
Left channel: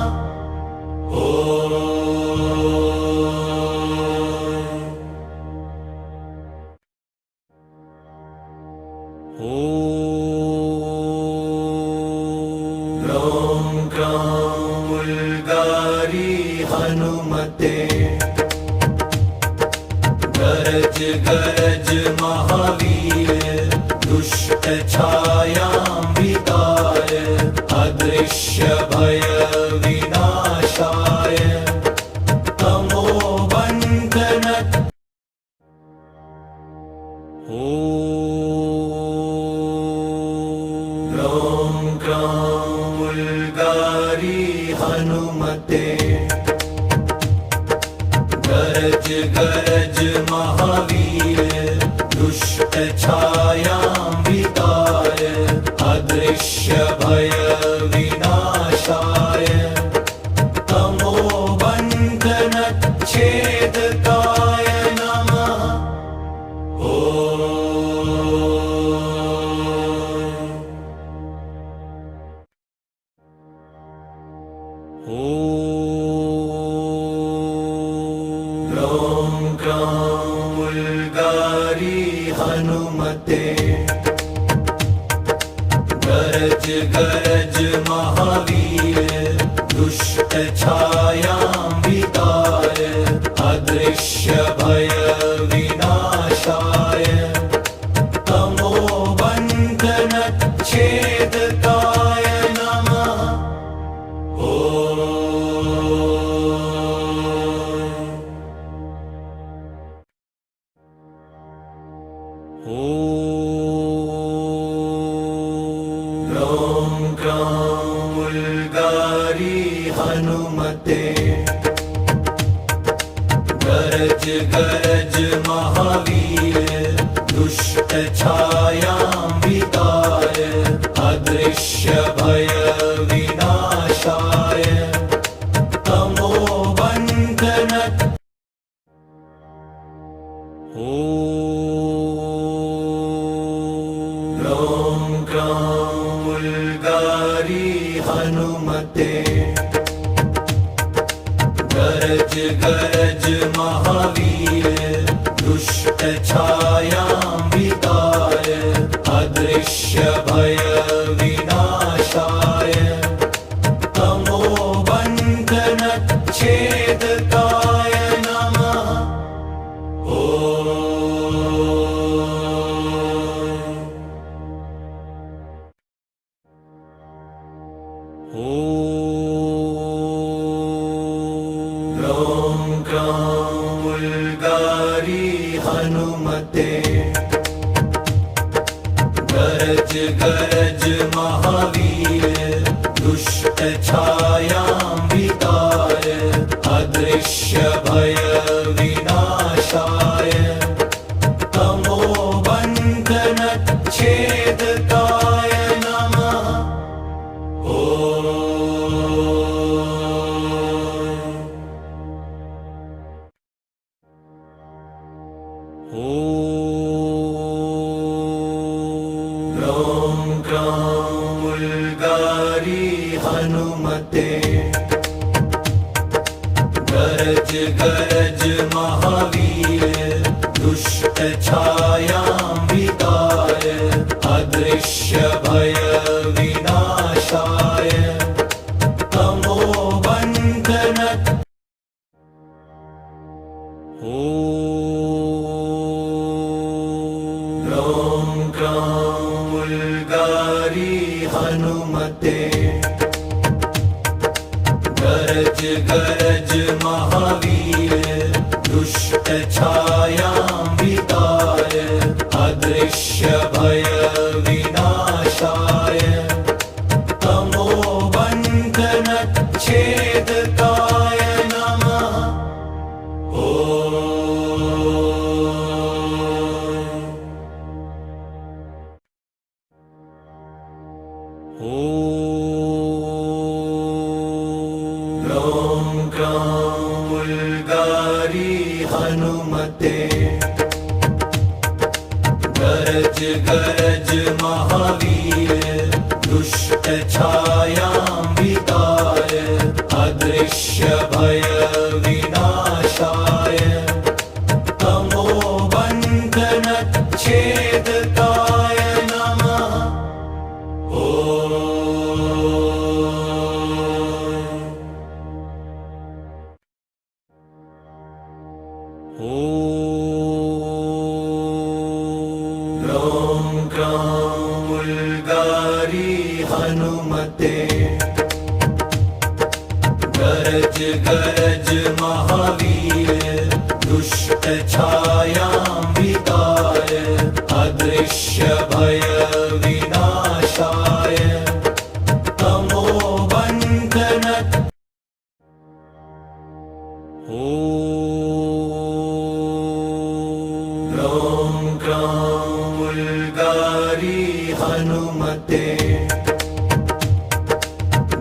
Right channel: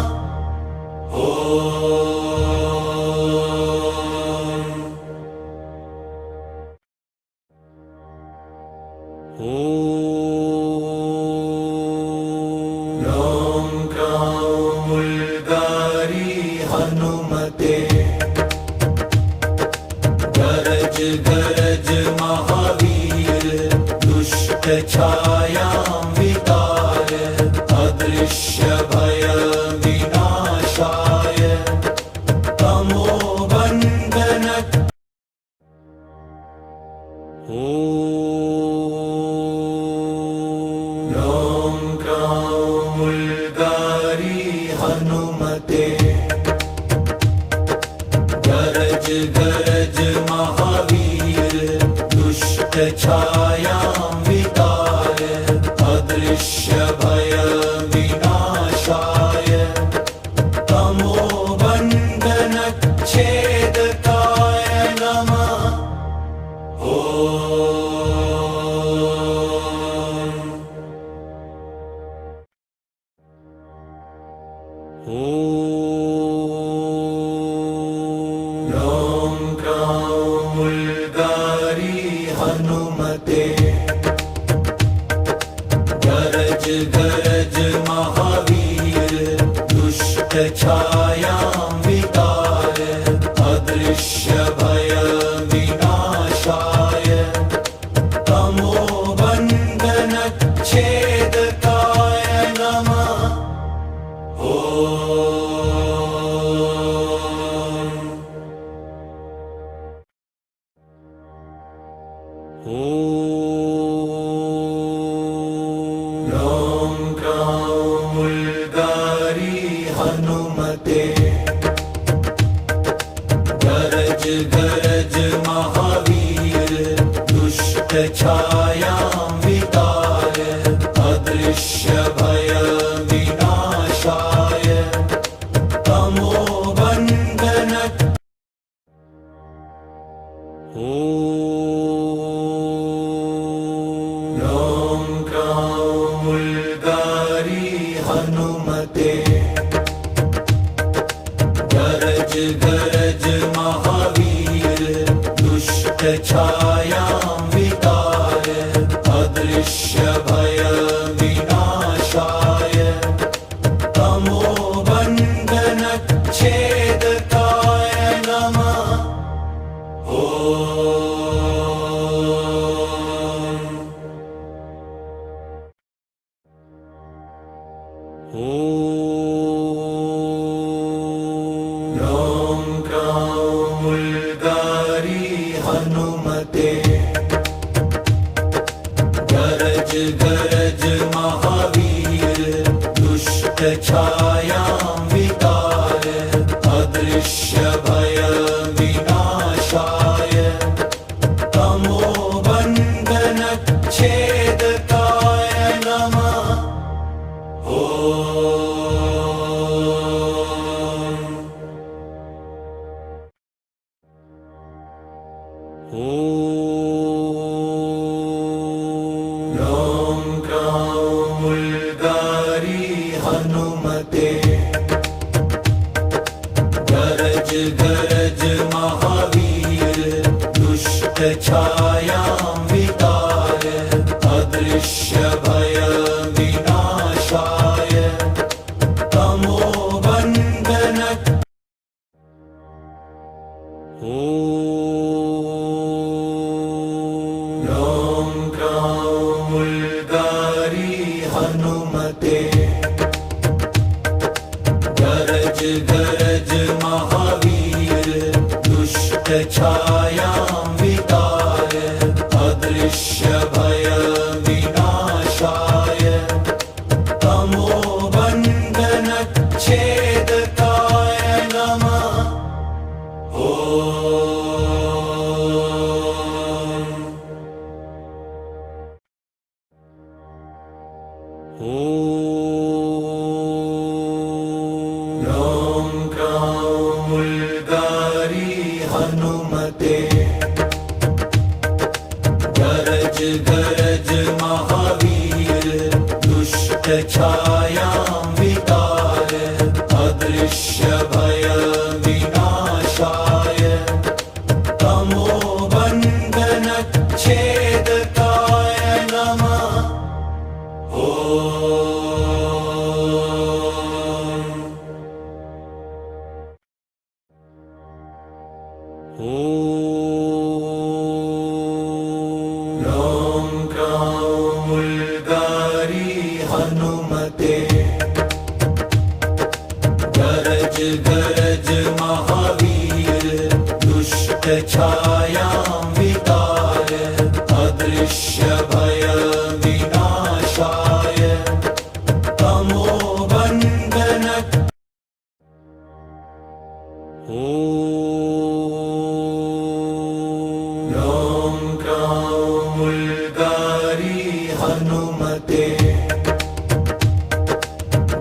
ॐ ग्रां उल्गारी हनुमते गरज गरज महावीर दुष्ट छायां वितार अदृश्य भय विनाशाय तमो बंधन ॐ ग्रां उल्गारी हनुमते गरज गरज महावीर दुष्ट छायां वितार अदृश्य भय विनाशाय तमो बंधन छेदकाय नमः ॐ ग्रां उल्गारी हनुमते गरज गरज महावीर दुष्ट छायां वितार अदृश्य भय विनाशाय तमो बंधन छेदकाय नमः ॐ क्रां उल्गारी हनुमते गरज गरज महावीर दुष्ट छायां विदाय अदृश्य भय विनाशाय तमोबन्धन ॐ क्रां उल्गारी हनुमते गरज गरज महावीर दुष्ट छायां विदाय अदृश्य भय विनाशाय तमोबन्धन छेदकाय नमः ॐ क्रां उल्गारी हनुमते गरज गरज महावीर दुष्ट छायां विदाय अदृश्य भय विनाशाय तमोबन्धन छेदकाय नमः ॐ क्रां उल्गारी हनुमते गरज गरज महावीर दुष्ट छायां विदाय अदृश्य भय विनाशाय तमोबन्धन ॐ क्रां उल्गारी हनुमते गरज गरज महावीर दुष्ट छायां विदाय अदृश्य भय विनाशाय तमोबन्धन छेदकाय नमः ॐ क्रां उल्गारी हनुमते गरज गरज महावीर दुष्ट छायां विदाय अदृश्य भय विनाशाय तमोबन्धन छेदकाय नमः ॐ क्रां उल्गारी हनुमते गरज गरज महावीर दुष्ट छायां विदाय अदृश्य भय विनाशाय तमोबन्धन ॐ क्रां उल्गारी हनुमते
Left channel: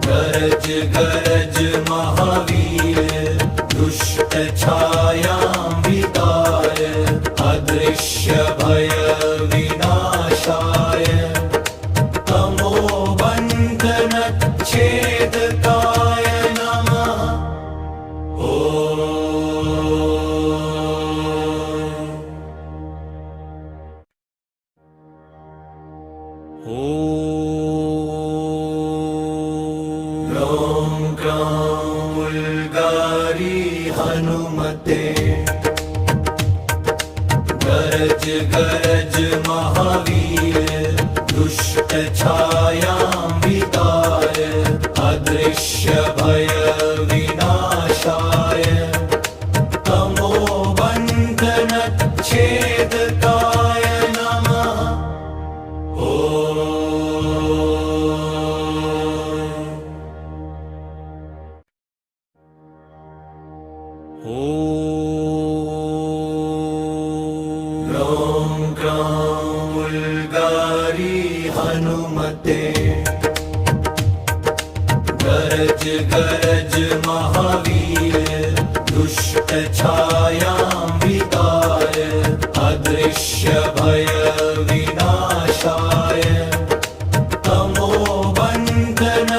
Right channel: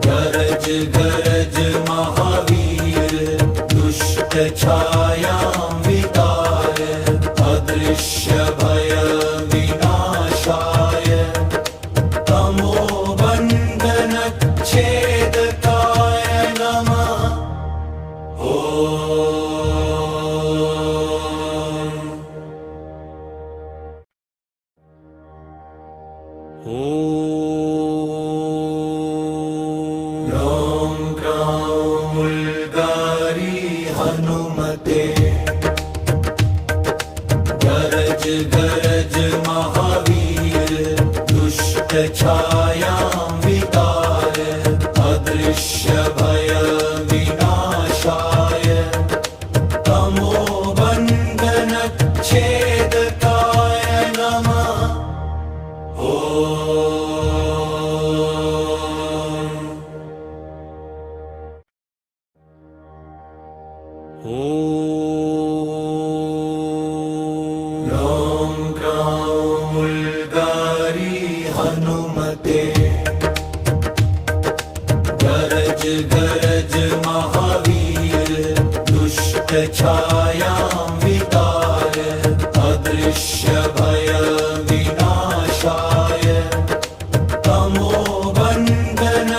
गरज गरज महावीर दुष्ट छायां विदाय अदृश्य भय विनाशाय तमोबन्धन छेदकाय नमः ॐ क्रां उल्गारी हनुमते गरज गरज महावीर दुष्ट छायां विदाय अदृश्य भय विनाशाय तमोबन्धन छेदकाय नमः अदृश्यभयविनाशाय तमोबन्धन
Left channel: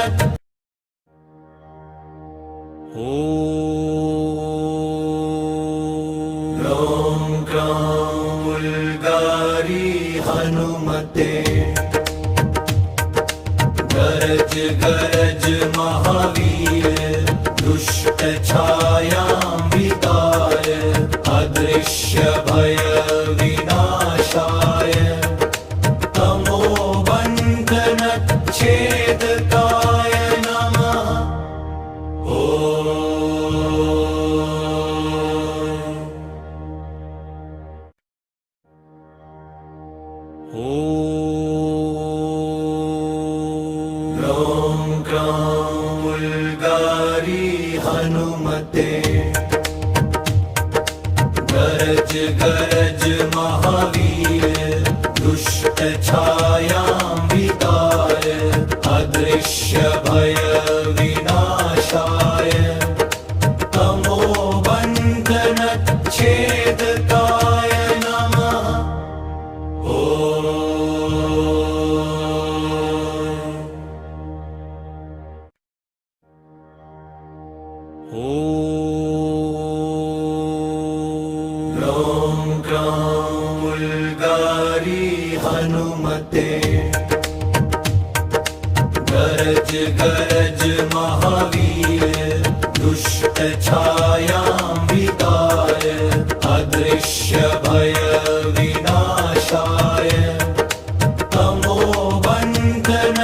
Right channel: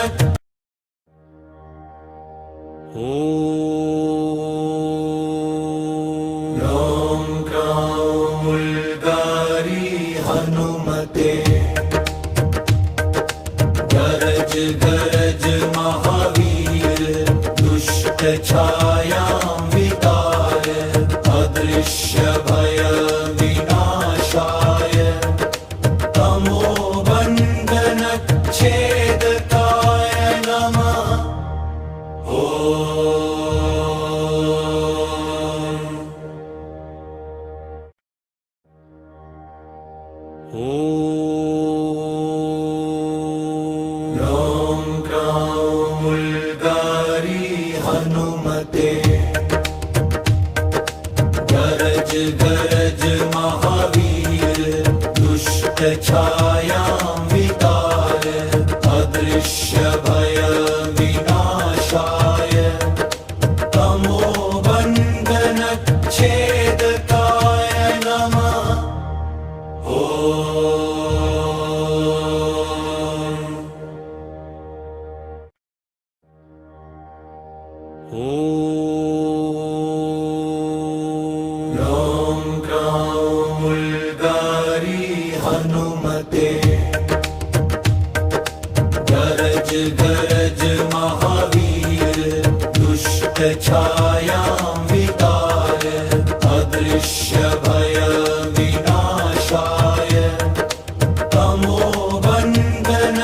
ॐ ग्रां उल्गारी हनुमते गरज गरज महावीर दुष्ट छायां वितार अदृश्य भय विनाशाय तमोबन्धन छेदकाय नमः ॐ ग्रां उल्गारी हनुमते गरज गरज महावीर दुष्ट छायां वितार अदृश्य भय विनाशाय तमोबन्धन छेदकाय नमः ॐ ग्रां उल्गारी हनुमते गरज गरज महावीर दुष्ट छायां वितार अदृश्य भय विनाशाय तमोबन्धन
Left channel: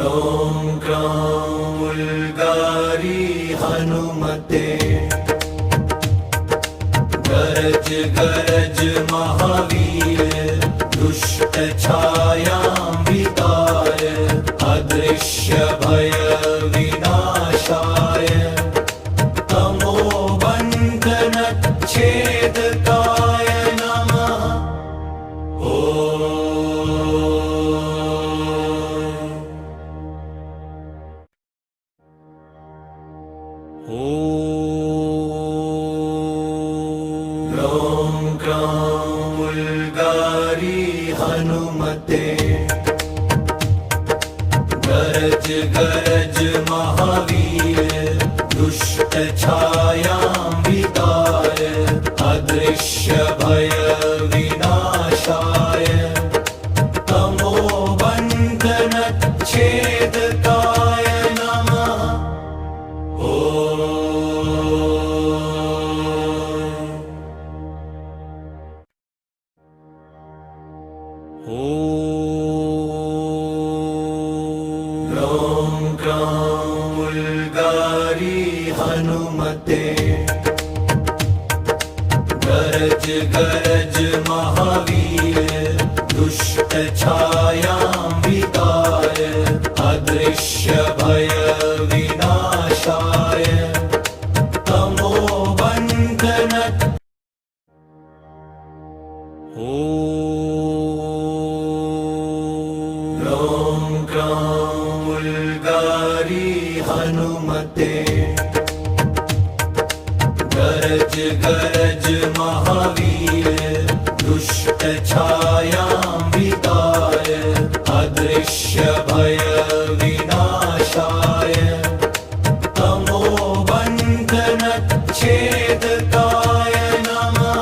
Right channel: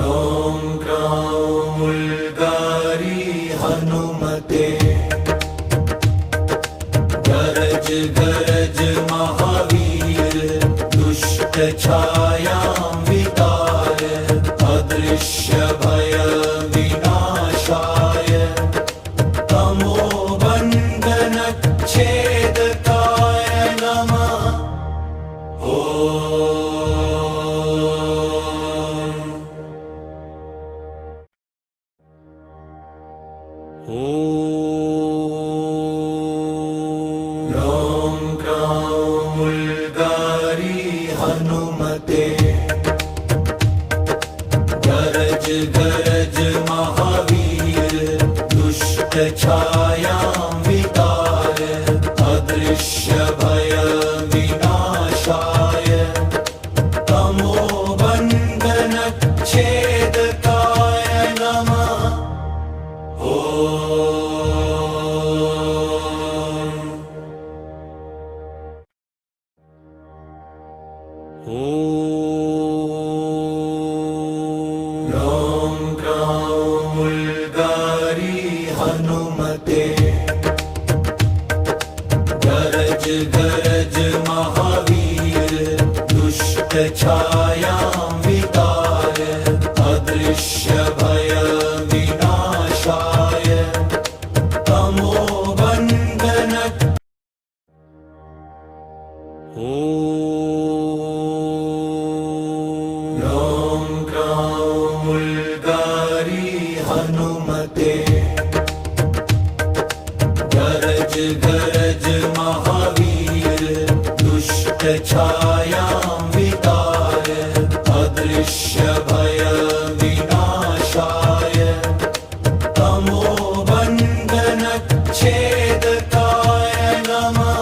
ॐ ग्रां उल्गारी हनुमते गरज गरज महावीर दुष्ट छायां वितार अदृश्य भय विनाशाय तमोबन्धन छेदकाय नमः ॐ ग्रां उल्गारी हनुमते गरज गरज महावीर दुष्ट छायां वितार अदृश्य भय विनाशाय तमोबन्धन छेदकाय नमः ॐ ग्रां उल्गारी हनुमते गरज गरज महावीर दुष्ट छायां वितार अदृश्य भय विनाशाय तमोबन्धन ॐ ग्रां उल्गारी हनुमते गरज गरज महावीर दुष्ट छायां वितार अदृश्य भय विनाशाय तमोबन्धन छेदकाय नमः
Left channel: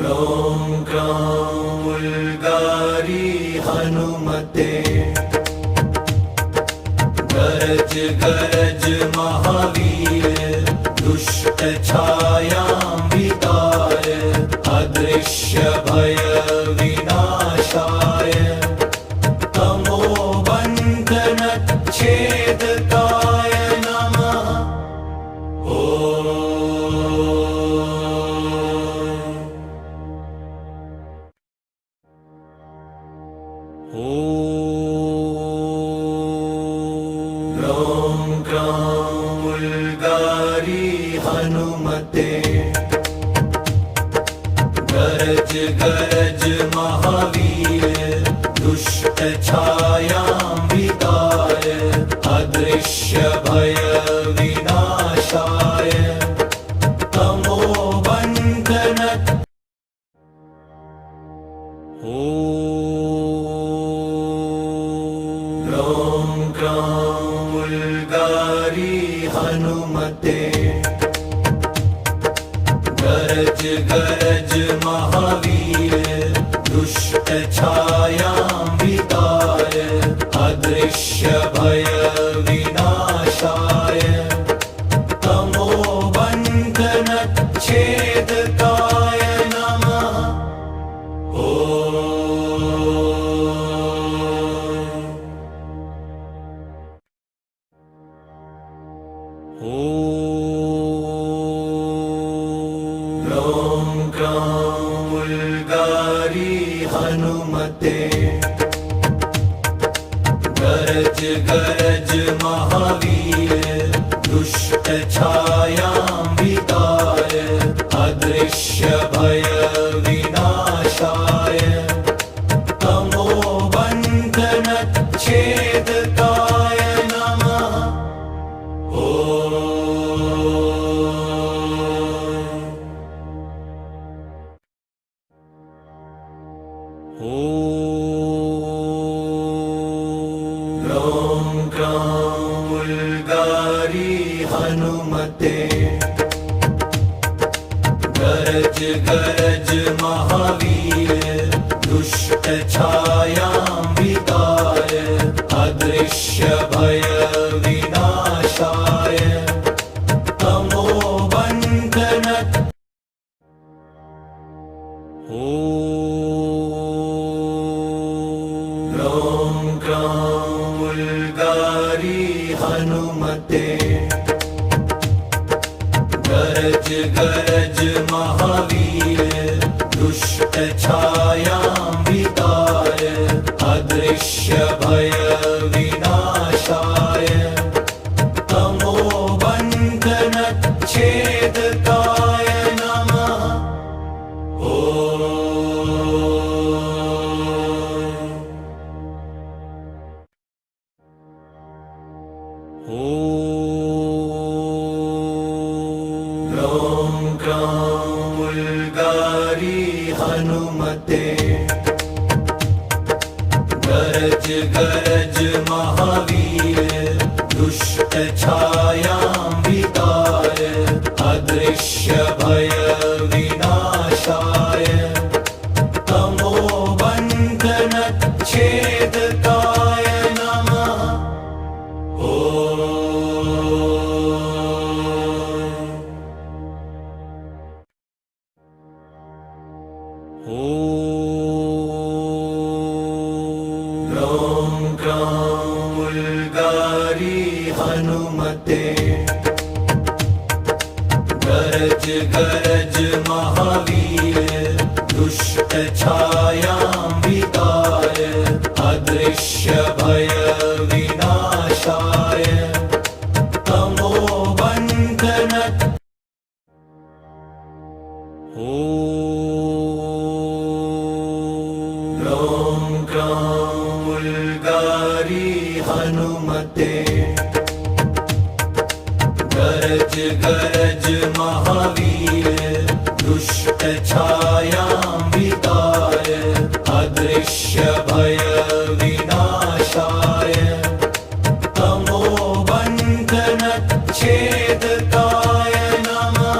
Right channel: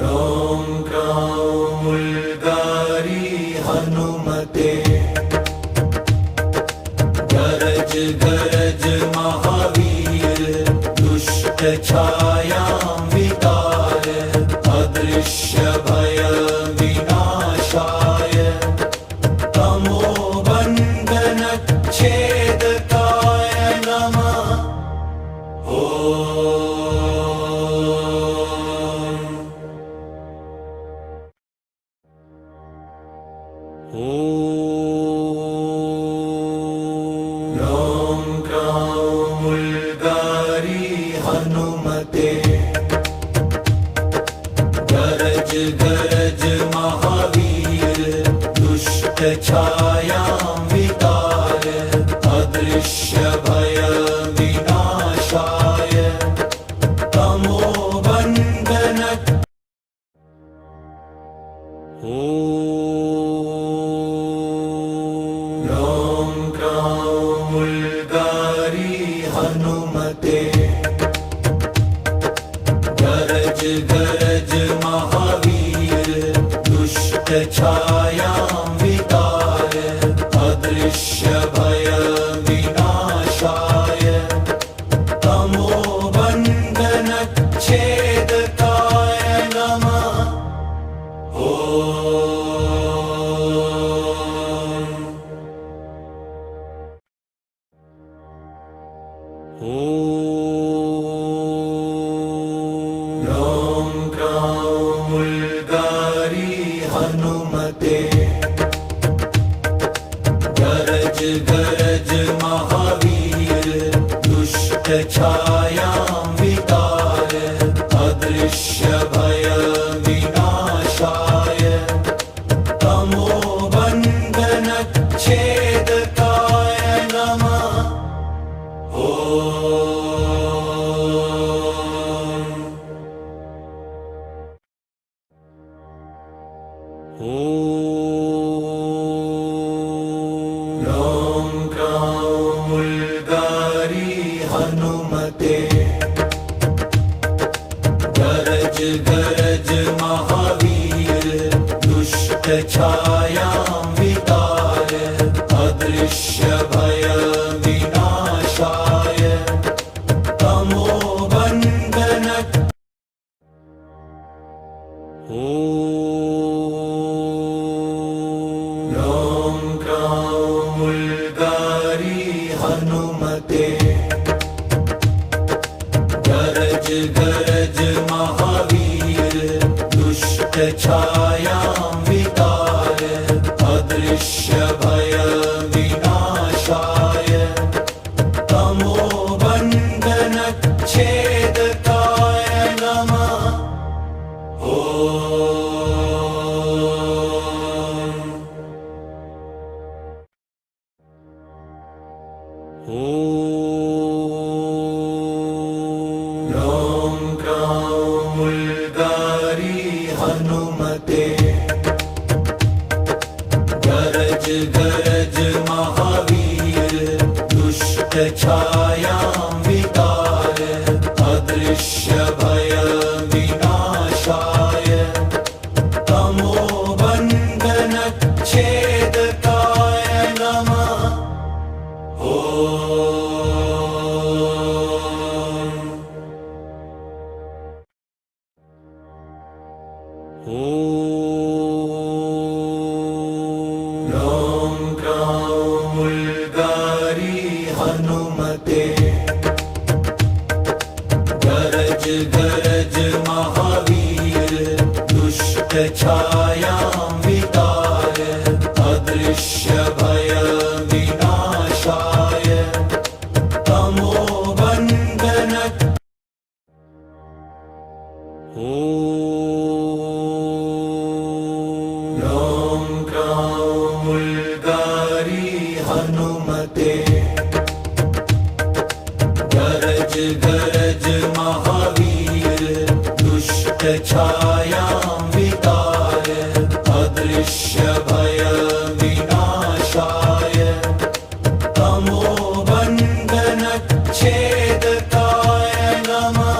ॐ ग्रां उल्गारी हनुमते गरज गरज महावीर दुष्ट छायां वितार अदृश्य भय विनाशाय तमोबन्धन छेदकाय नमः ॐ ग्रां उल्गारी हनुमते गरज गरज महावीर दुष्ट छायां वितार अदृश्य भय विनाशाय तमो बंधन ॐ ग्रां उल्गारी हनुमते गरज गरज महावीर दुष्ट छायां वितार अदृश्य भय विनाशाय तमो बंधन छेदकाय नमः ॐ ग्रां उल्गारी हनुमते गरज गरज महावीर दुष्ट छायां वितार अदृश्य भय विनाशाय तमो बंधन छेदकाय नमः ॐ ग्रां उल्गारी हनुमते गरज गरज महावीर दुष्ट छायां वितार अदृश्य भय विनाशाय तमो बंधन ॐ ग्रां उल्गारी हनुमते गरज गरज महावीर दुष्ट छायां वितार अदृश्य भय विनाशाय तमो बंधन छेदकाय नमः ॐ ग्रां उल्गारी हनुमते गरज गरज महावीर दुष्ट छायां वितार अदृश्य भय विनाशाय तमो बंधन छेदकाय नमः ॐ ग्रां उल्गारी हनुमते गरज गरज महावीर दुष्ट छायां वितार अदृश्य भय विनाशाय तमो बंधन ॐ ग्रां उल्गारी हनुमते गरज गरज महावीर दुष्ट छायां वितार अदृश्य भय विनाशाय तमो बंधन छेदकाय नमः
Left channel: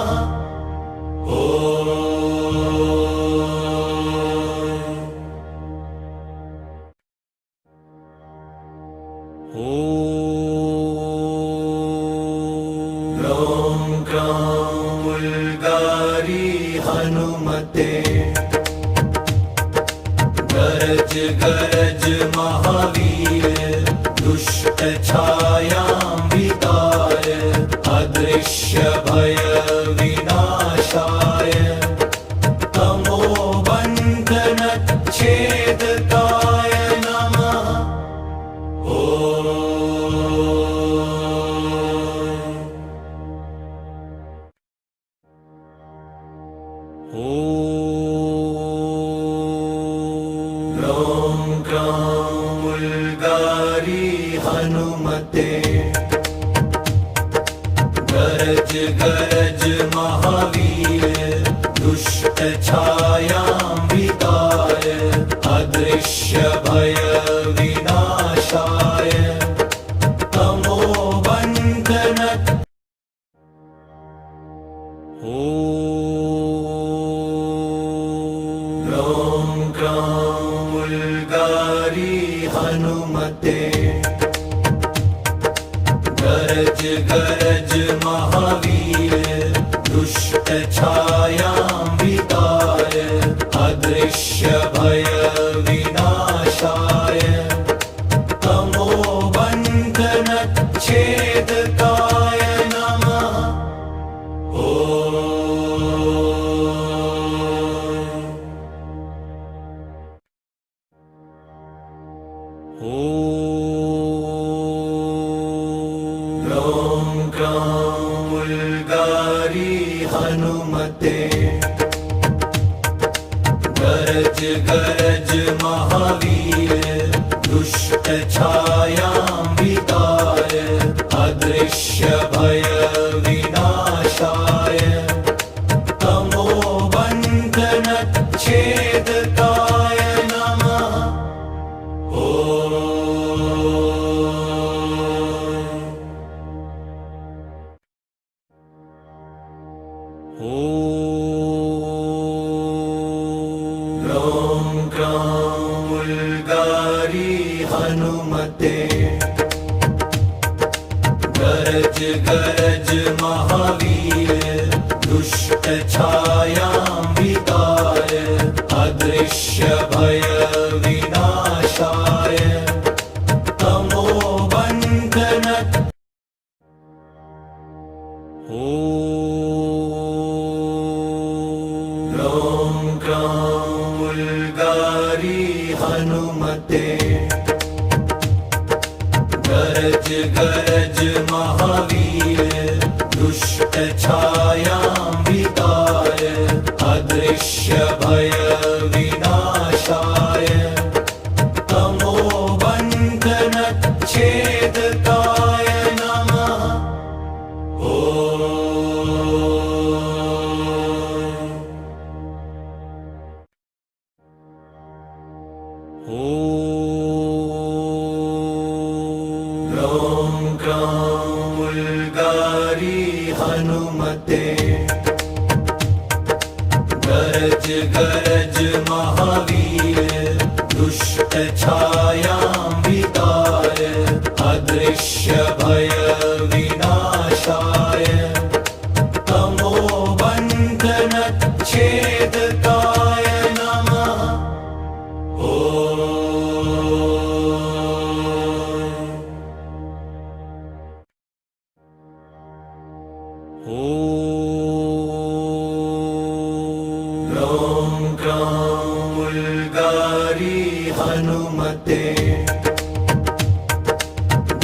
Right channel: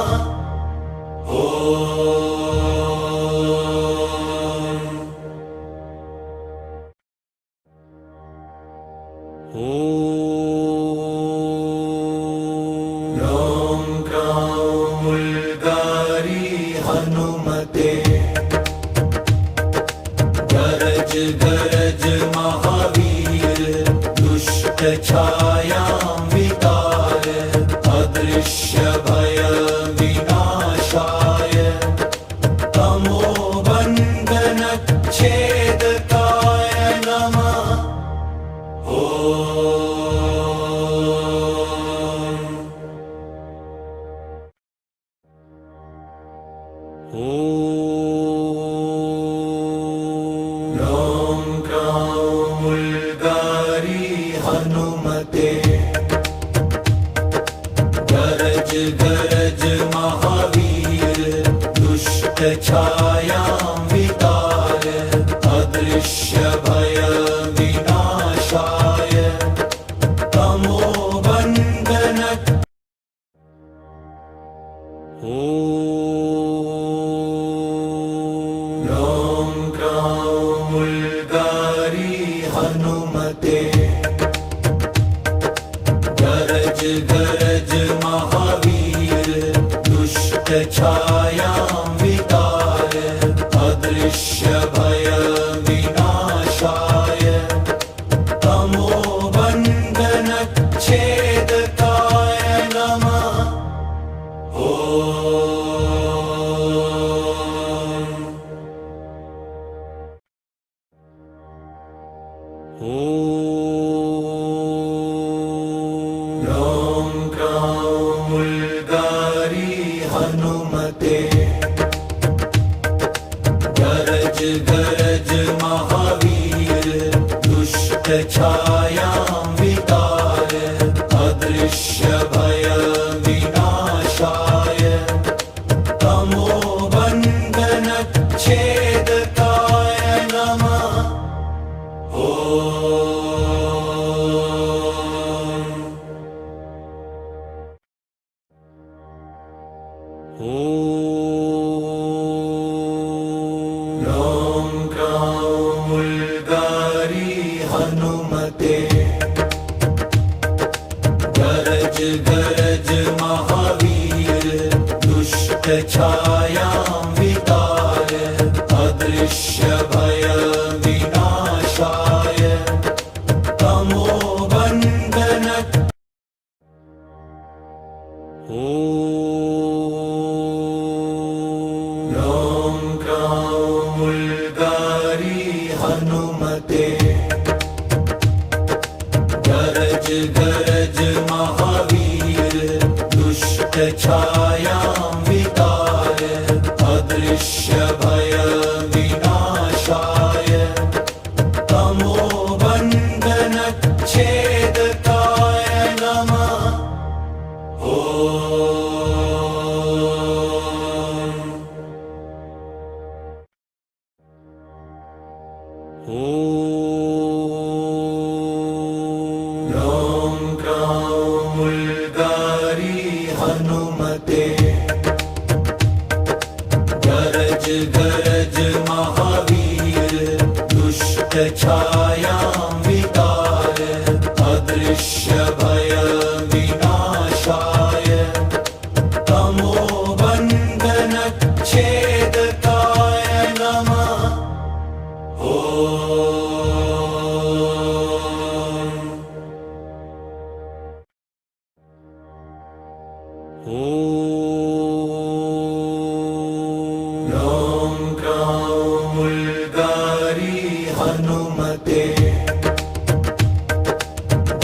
ॐ ग्रां उल्गारी हनुमते गरज गरज महावीर दुष्ट छायां वितार अदृश्य भय विनाशाय तमो बंधन छेदकाय नमः ॐ हनुमते गरज गरज महावीर दुष्ट छायां वितार अदृश्य भय विनाशाय तमोबन्धन ॐ ग्रां उल्गारी हनुमते गरज गरज महावीर दुष्ट छायां वितार अदृश्य भय विनाशाय तमोबन्धन छेदकाय नमः ॐ ग्रां उल्गारी हनुमते गरज गरज महावीर दुष्ट छायां वितार अदृश्य भय विनाशाय तमोबन्धन छेदकाय नमः ॐ ग्रां उल्गारी हनुमते गरज गरज महावीर दुष्ट छायां वितार अदृश्य भय विनाशाय तमोबन्धन ॐ ग्रां उल्गारी हनुमते गरज गरज महावीर दुष्ट छायां वितार अदृश्य भय विनाशाय तमोबन्धन छेदकाय नमः ॐ ग्रां उल्गारी हनुमते गरज गरज महावीर दुष्ट छायां वितार अदृश्य भय विनाशाय तमोबन्धन छेदकाय नमः ॐ ग्रां उल्गारी हनुमते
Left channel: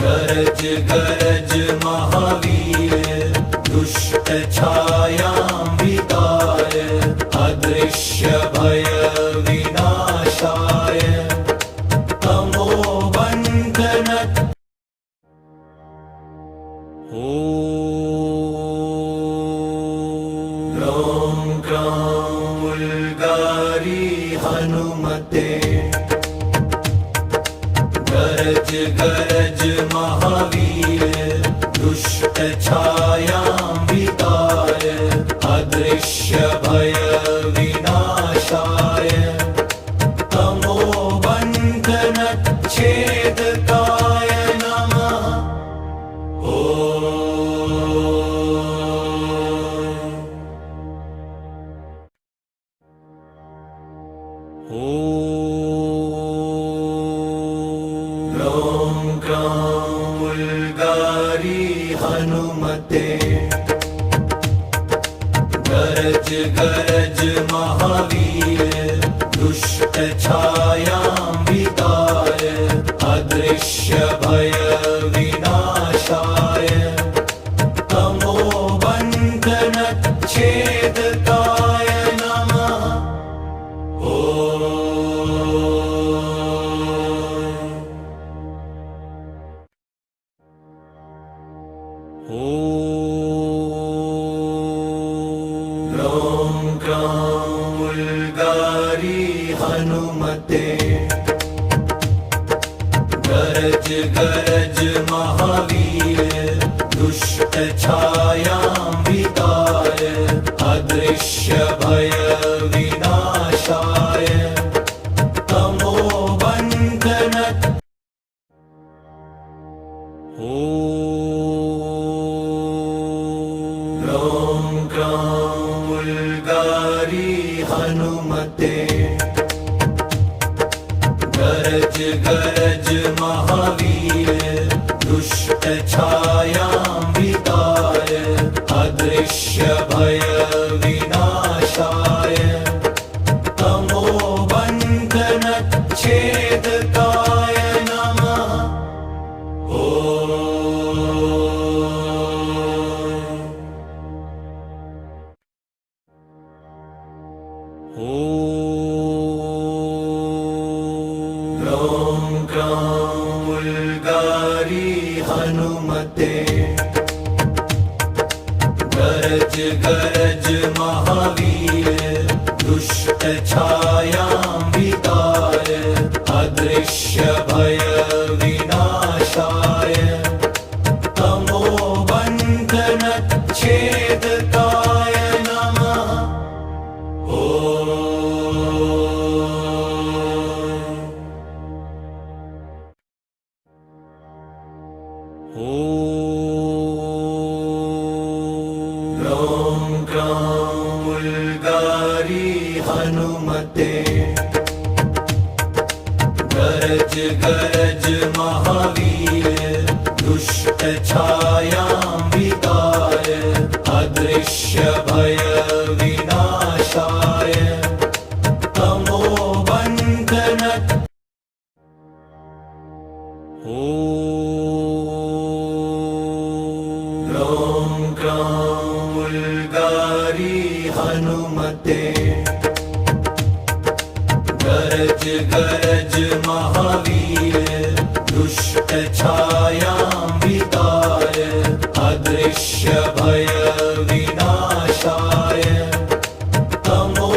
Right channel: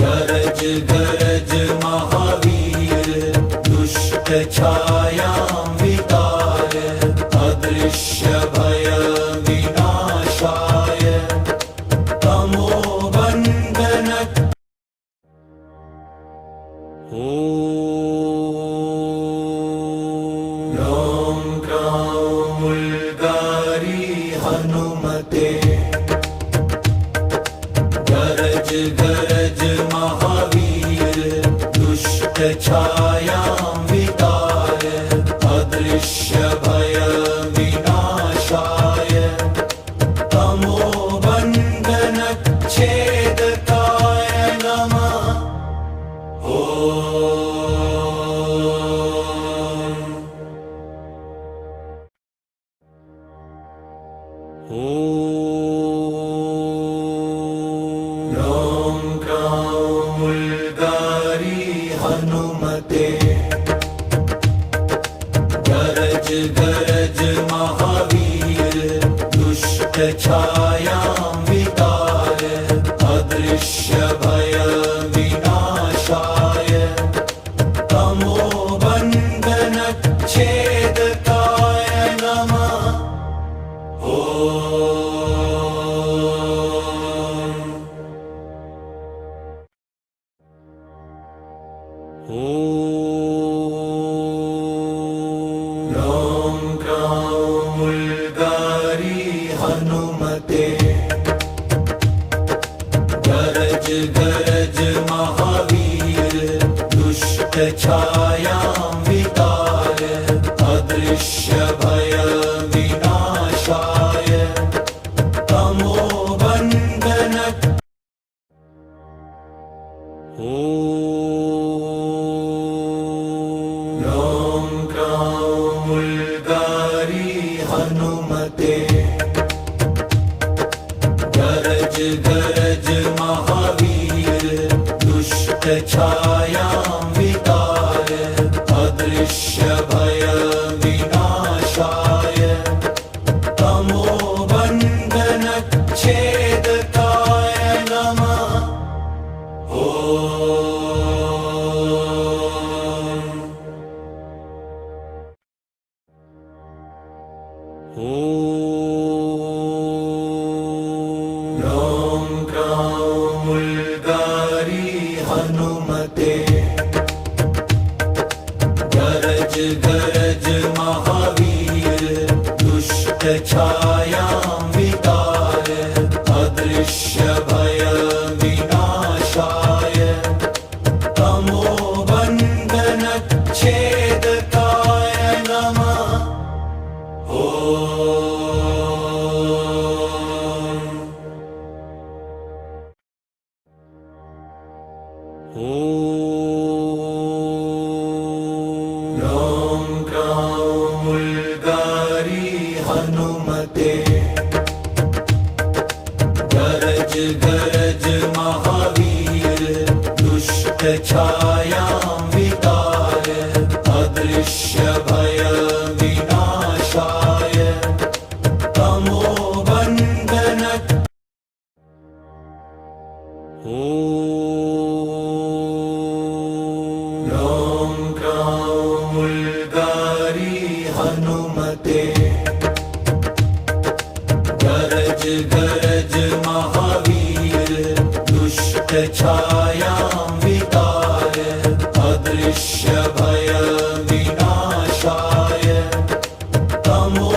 गरज गरज महावीर दुष्ट छायां वितार अदृश्य भय विनाशाय तमोबन्धन ॐ ग्रां उल्गारी हनुमते गरज गरज महावीर दुष्ट छायां वितार अदृश्य भय विनाशाय तमोबन्धन छेदकाय नमः ॐ ग्रां उल्गारी हनुमते गरज गरज महावीर दुष्ट छायां वितार अदृश्य भय विनाशाय तमोबन्धन छेदकाय नमः हनुमते गरज गरज महावीर दुष्ट छायां विदाय अदृश्य भय विनाशाय तमो बंधन ॐ ग्रां उल्गारी हनुमते गरज गरज महावीर दुष्ट छायां विदाय अदृश्य भय विनाशाय तमो बंधन छेदकाय नमः ॐ ग्रां उल्गारी हनुमते गरज गरज महावीर दुष्ट छायां विदाय अदृश्य भय विनाशाय तमो बंधन छेदकाय नमः ॐ ग्रां उल्गारी हनुमते गरज गरज महावीर दुष्ट छायां विदाय अदृश्य भय विनाशाय तमो बंधन ॐ ग्रां उल्गारी हनुमते गरज गरज महावीर दुष्ट छायां विदाय अदृश्य भय विनाशाय तमो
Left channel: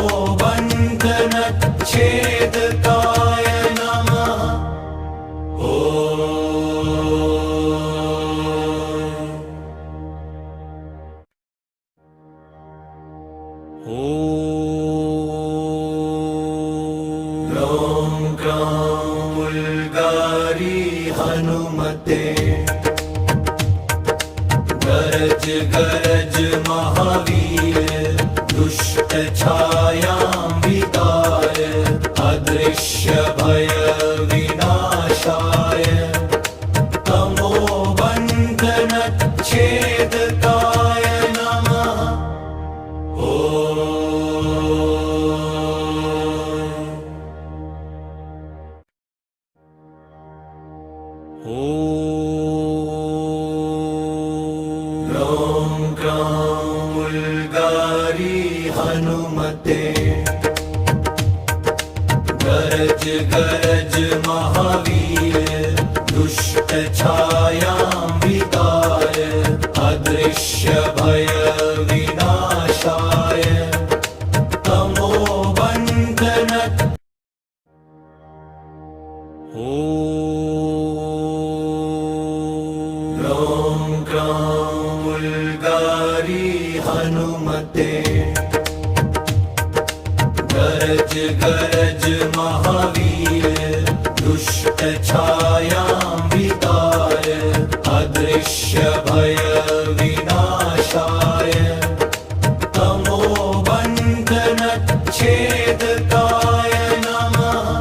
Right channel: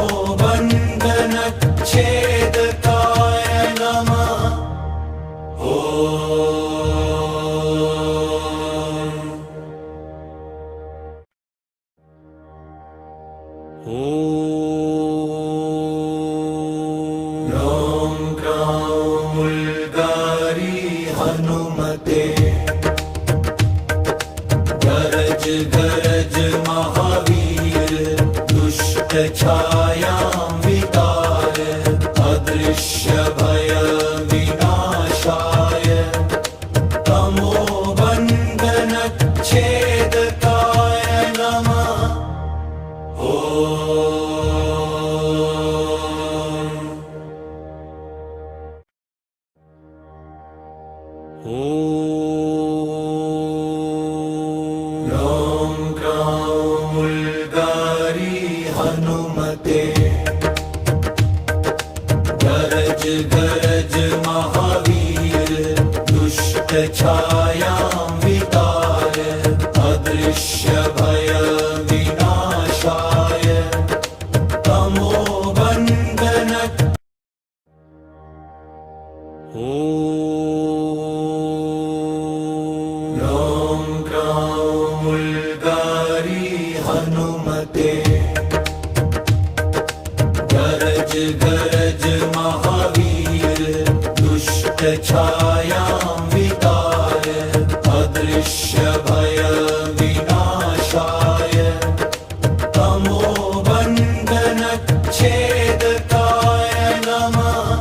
बंधन छेदकाय नमः ॐ ग्रां उल्गारी हनुमते गरज गरज महावीर दुष्ट छायां विदाय अदृश्य भय विनाशाय तमो बंधन छेदकाय नमः ॐ ग्रां उल्गारी हनुमते गरज गरज महावीर दुष्ट छायां विदाय अदृश्य भय विनाशाय तमो बंधन ॐ ग्रां उल्गारी हनुमते गरज गरज महावीर दुष्ट छायां विदाय अदृश्य भय विनाशाय तमो बंधन छेदकाय नमः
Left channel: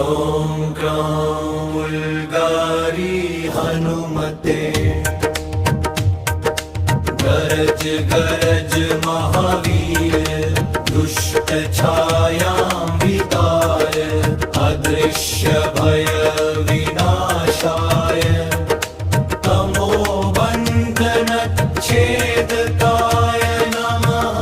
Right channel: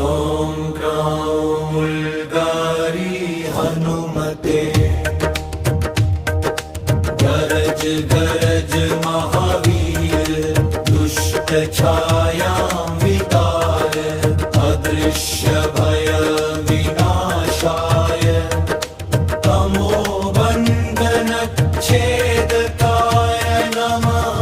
ॐ ग्रां उल्गारी हनुमते गरज गरज महावीर दुष्ट छायां विदाय अदृश्य भय विनाशाय तमो बंधन छेदकाय नमः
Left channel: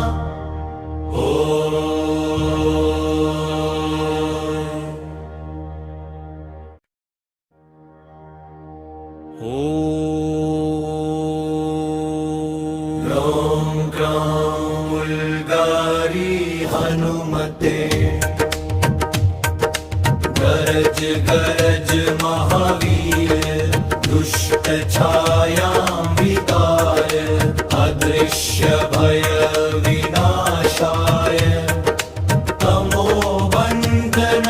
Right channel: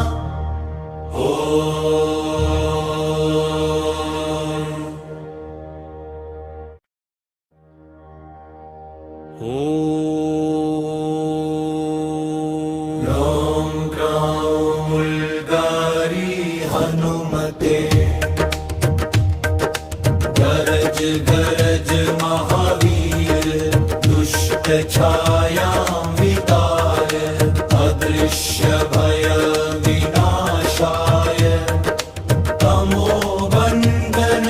गरज महावीर दुष्ट छायां विदाय अदृश्य भय विनाशाय तमो बंधन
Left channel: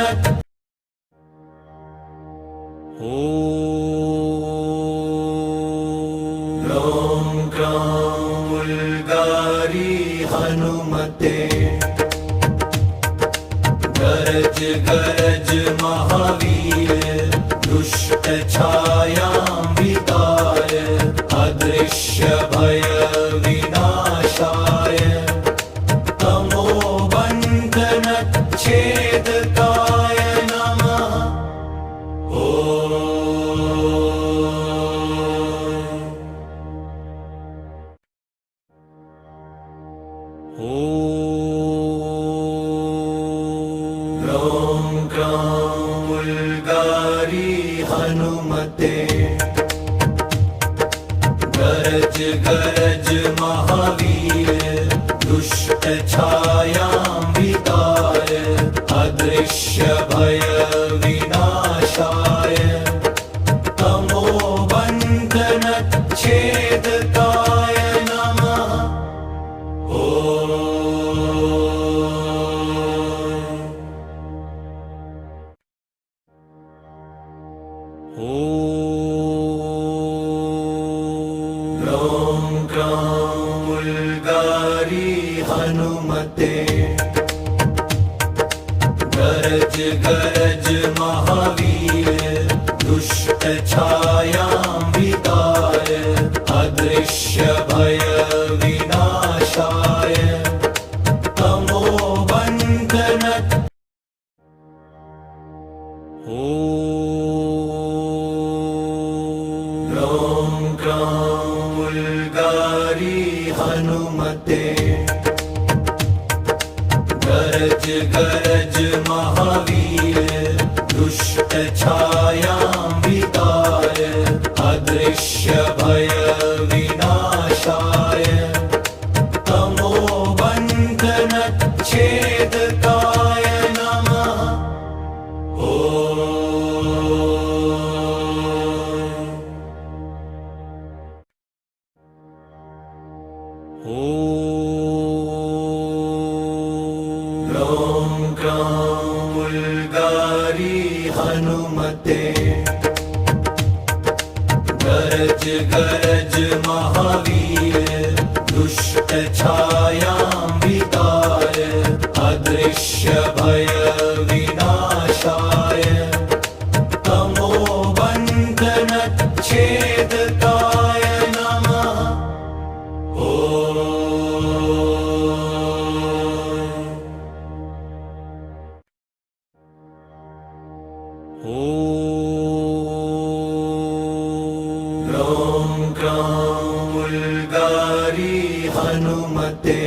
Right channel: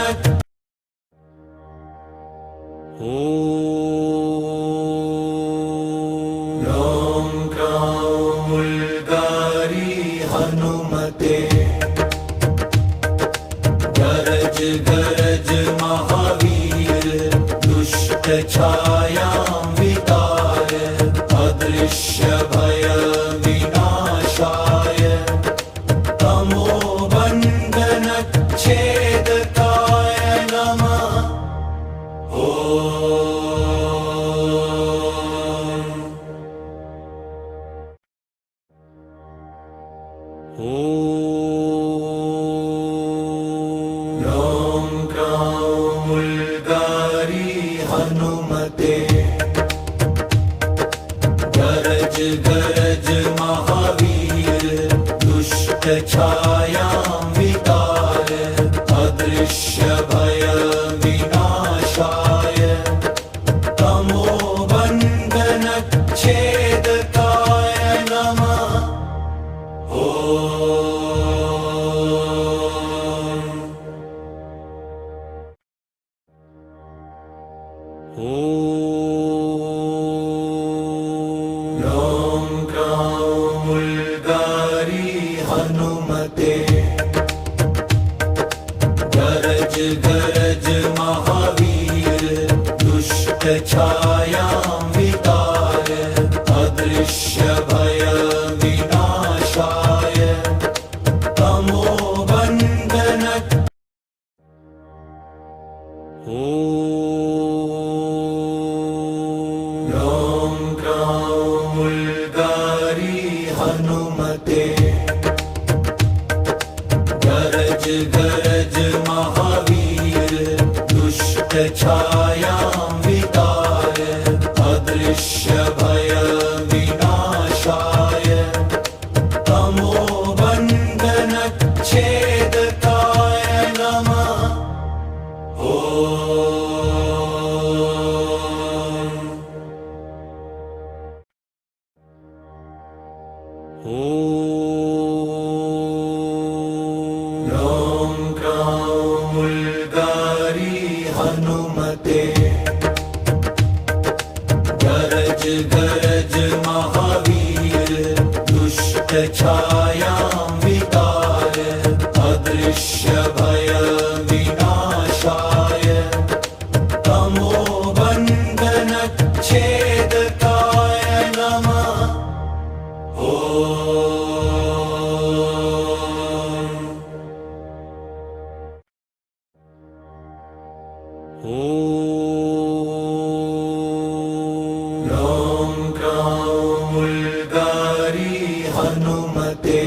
ॐ ग्रां उल्गारी हनुमते गरज गरज महावीर दुष्ट छायां विदाय अदृश्य भय विनाशाय तमो बंधन छेदकाय नमः ॐ ग्रां उल्गारी हनुमते गरज गरज महावीर दुष्ट छायां विदाय अदृश्य भय विनाशाय तमो बंधन छेदकाय नमः ॐ ग्रां उल्गारी हनुमते गरज गरज महावीर दुष्ट छायां विदाय अदृश्य भय विनाशाय तमो बंधन ॐ ग्रां उल्गारी हनुमते गरज गरज महावीर दुष्ट छायां विदाय अदृश्य भय विनाशाय तमो बंधन छेदकाय नमः ॐ ग्रां उल्गारी हनुमते गरज गरज महावीर दुष्ट छायां विदाय अदृश्य भय विनाशाय तमो बंधन छेदकाय नमः ॐ ग्रां उल्गारी हनुमते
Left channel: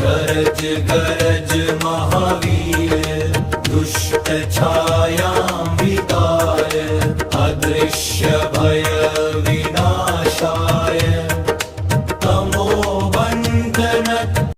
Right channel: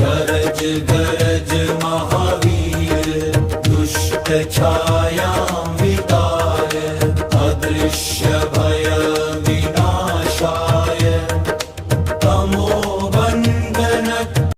गरज गरज महावीर दुष्ट छाया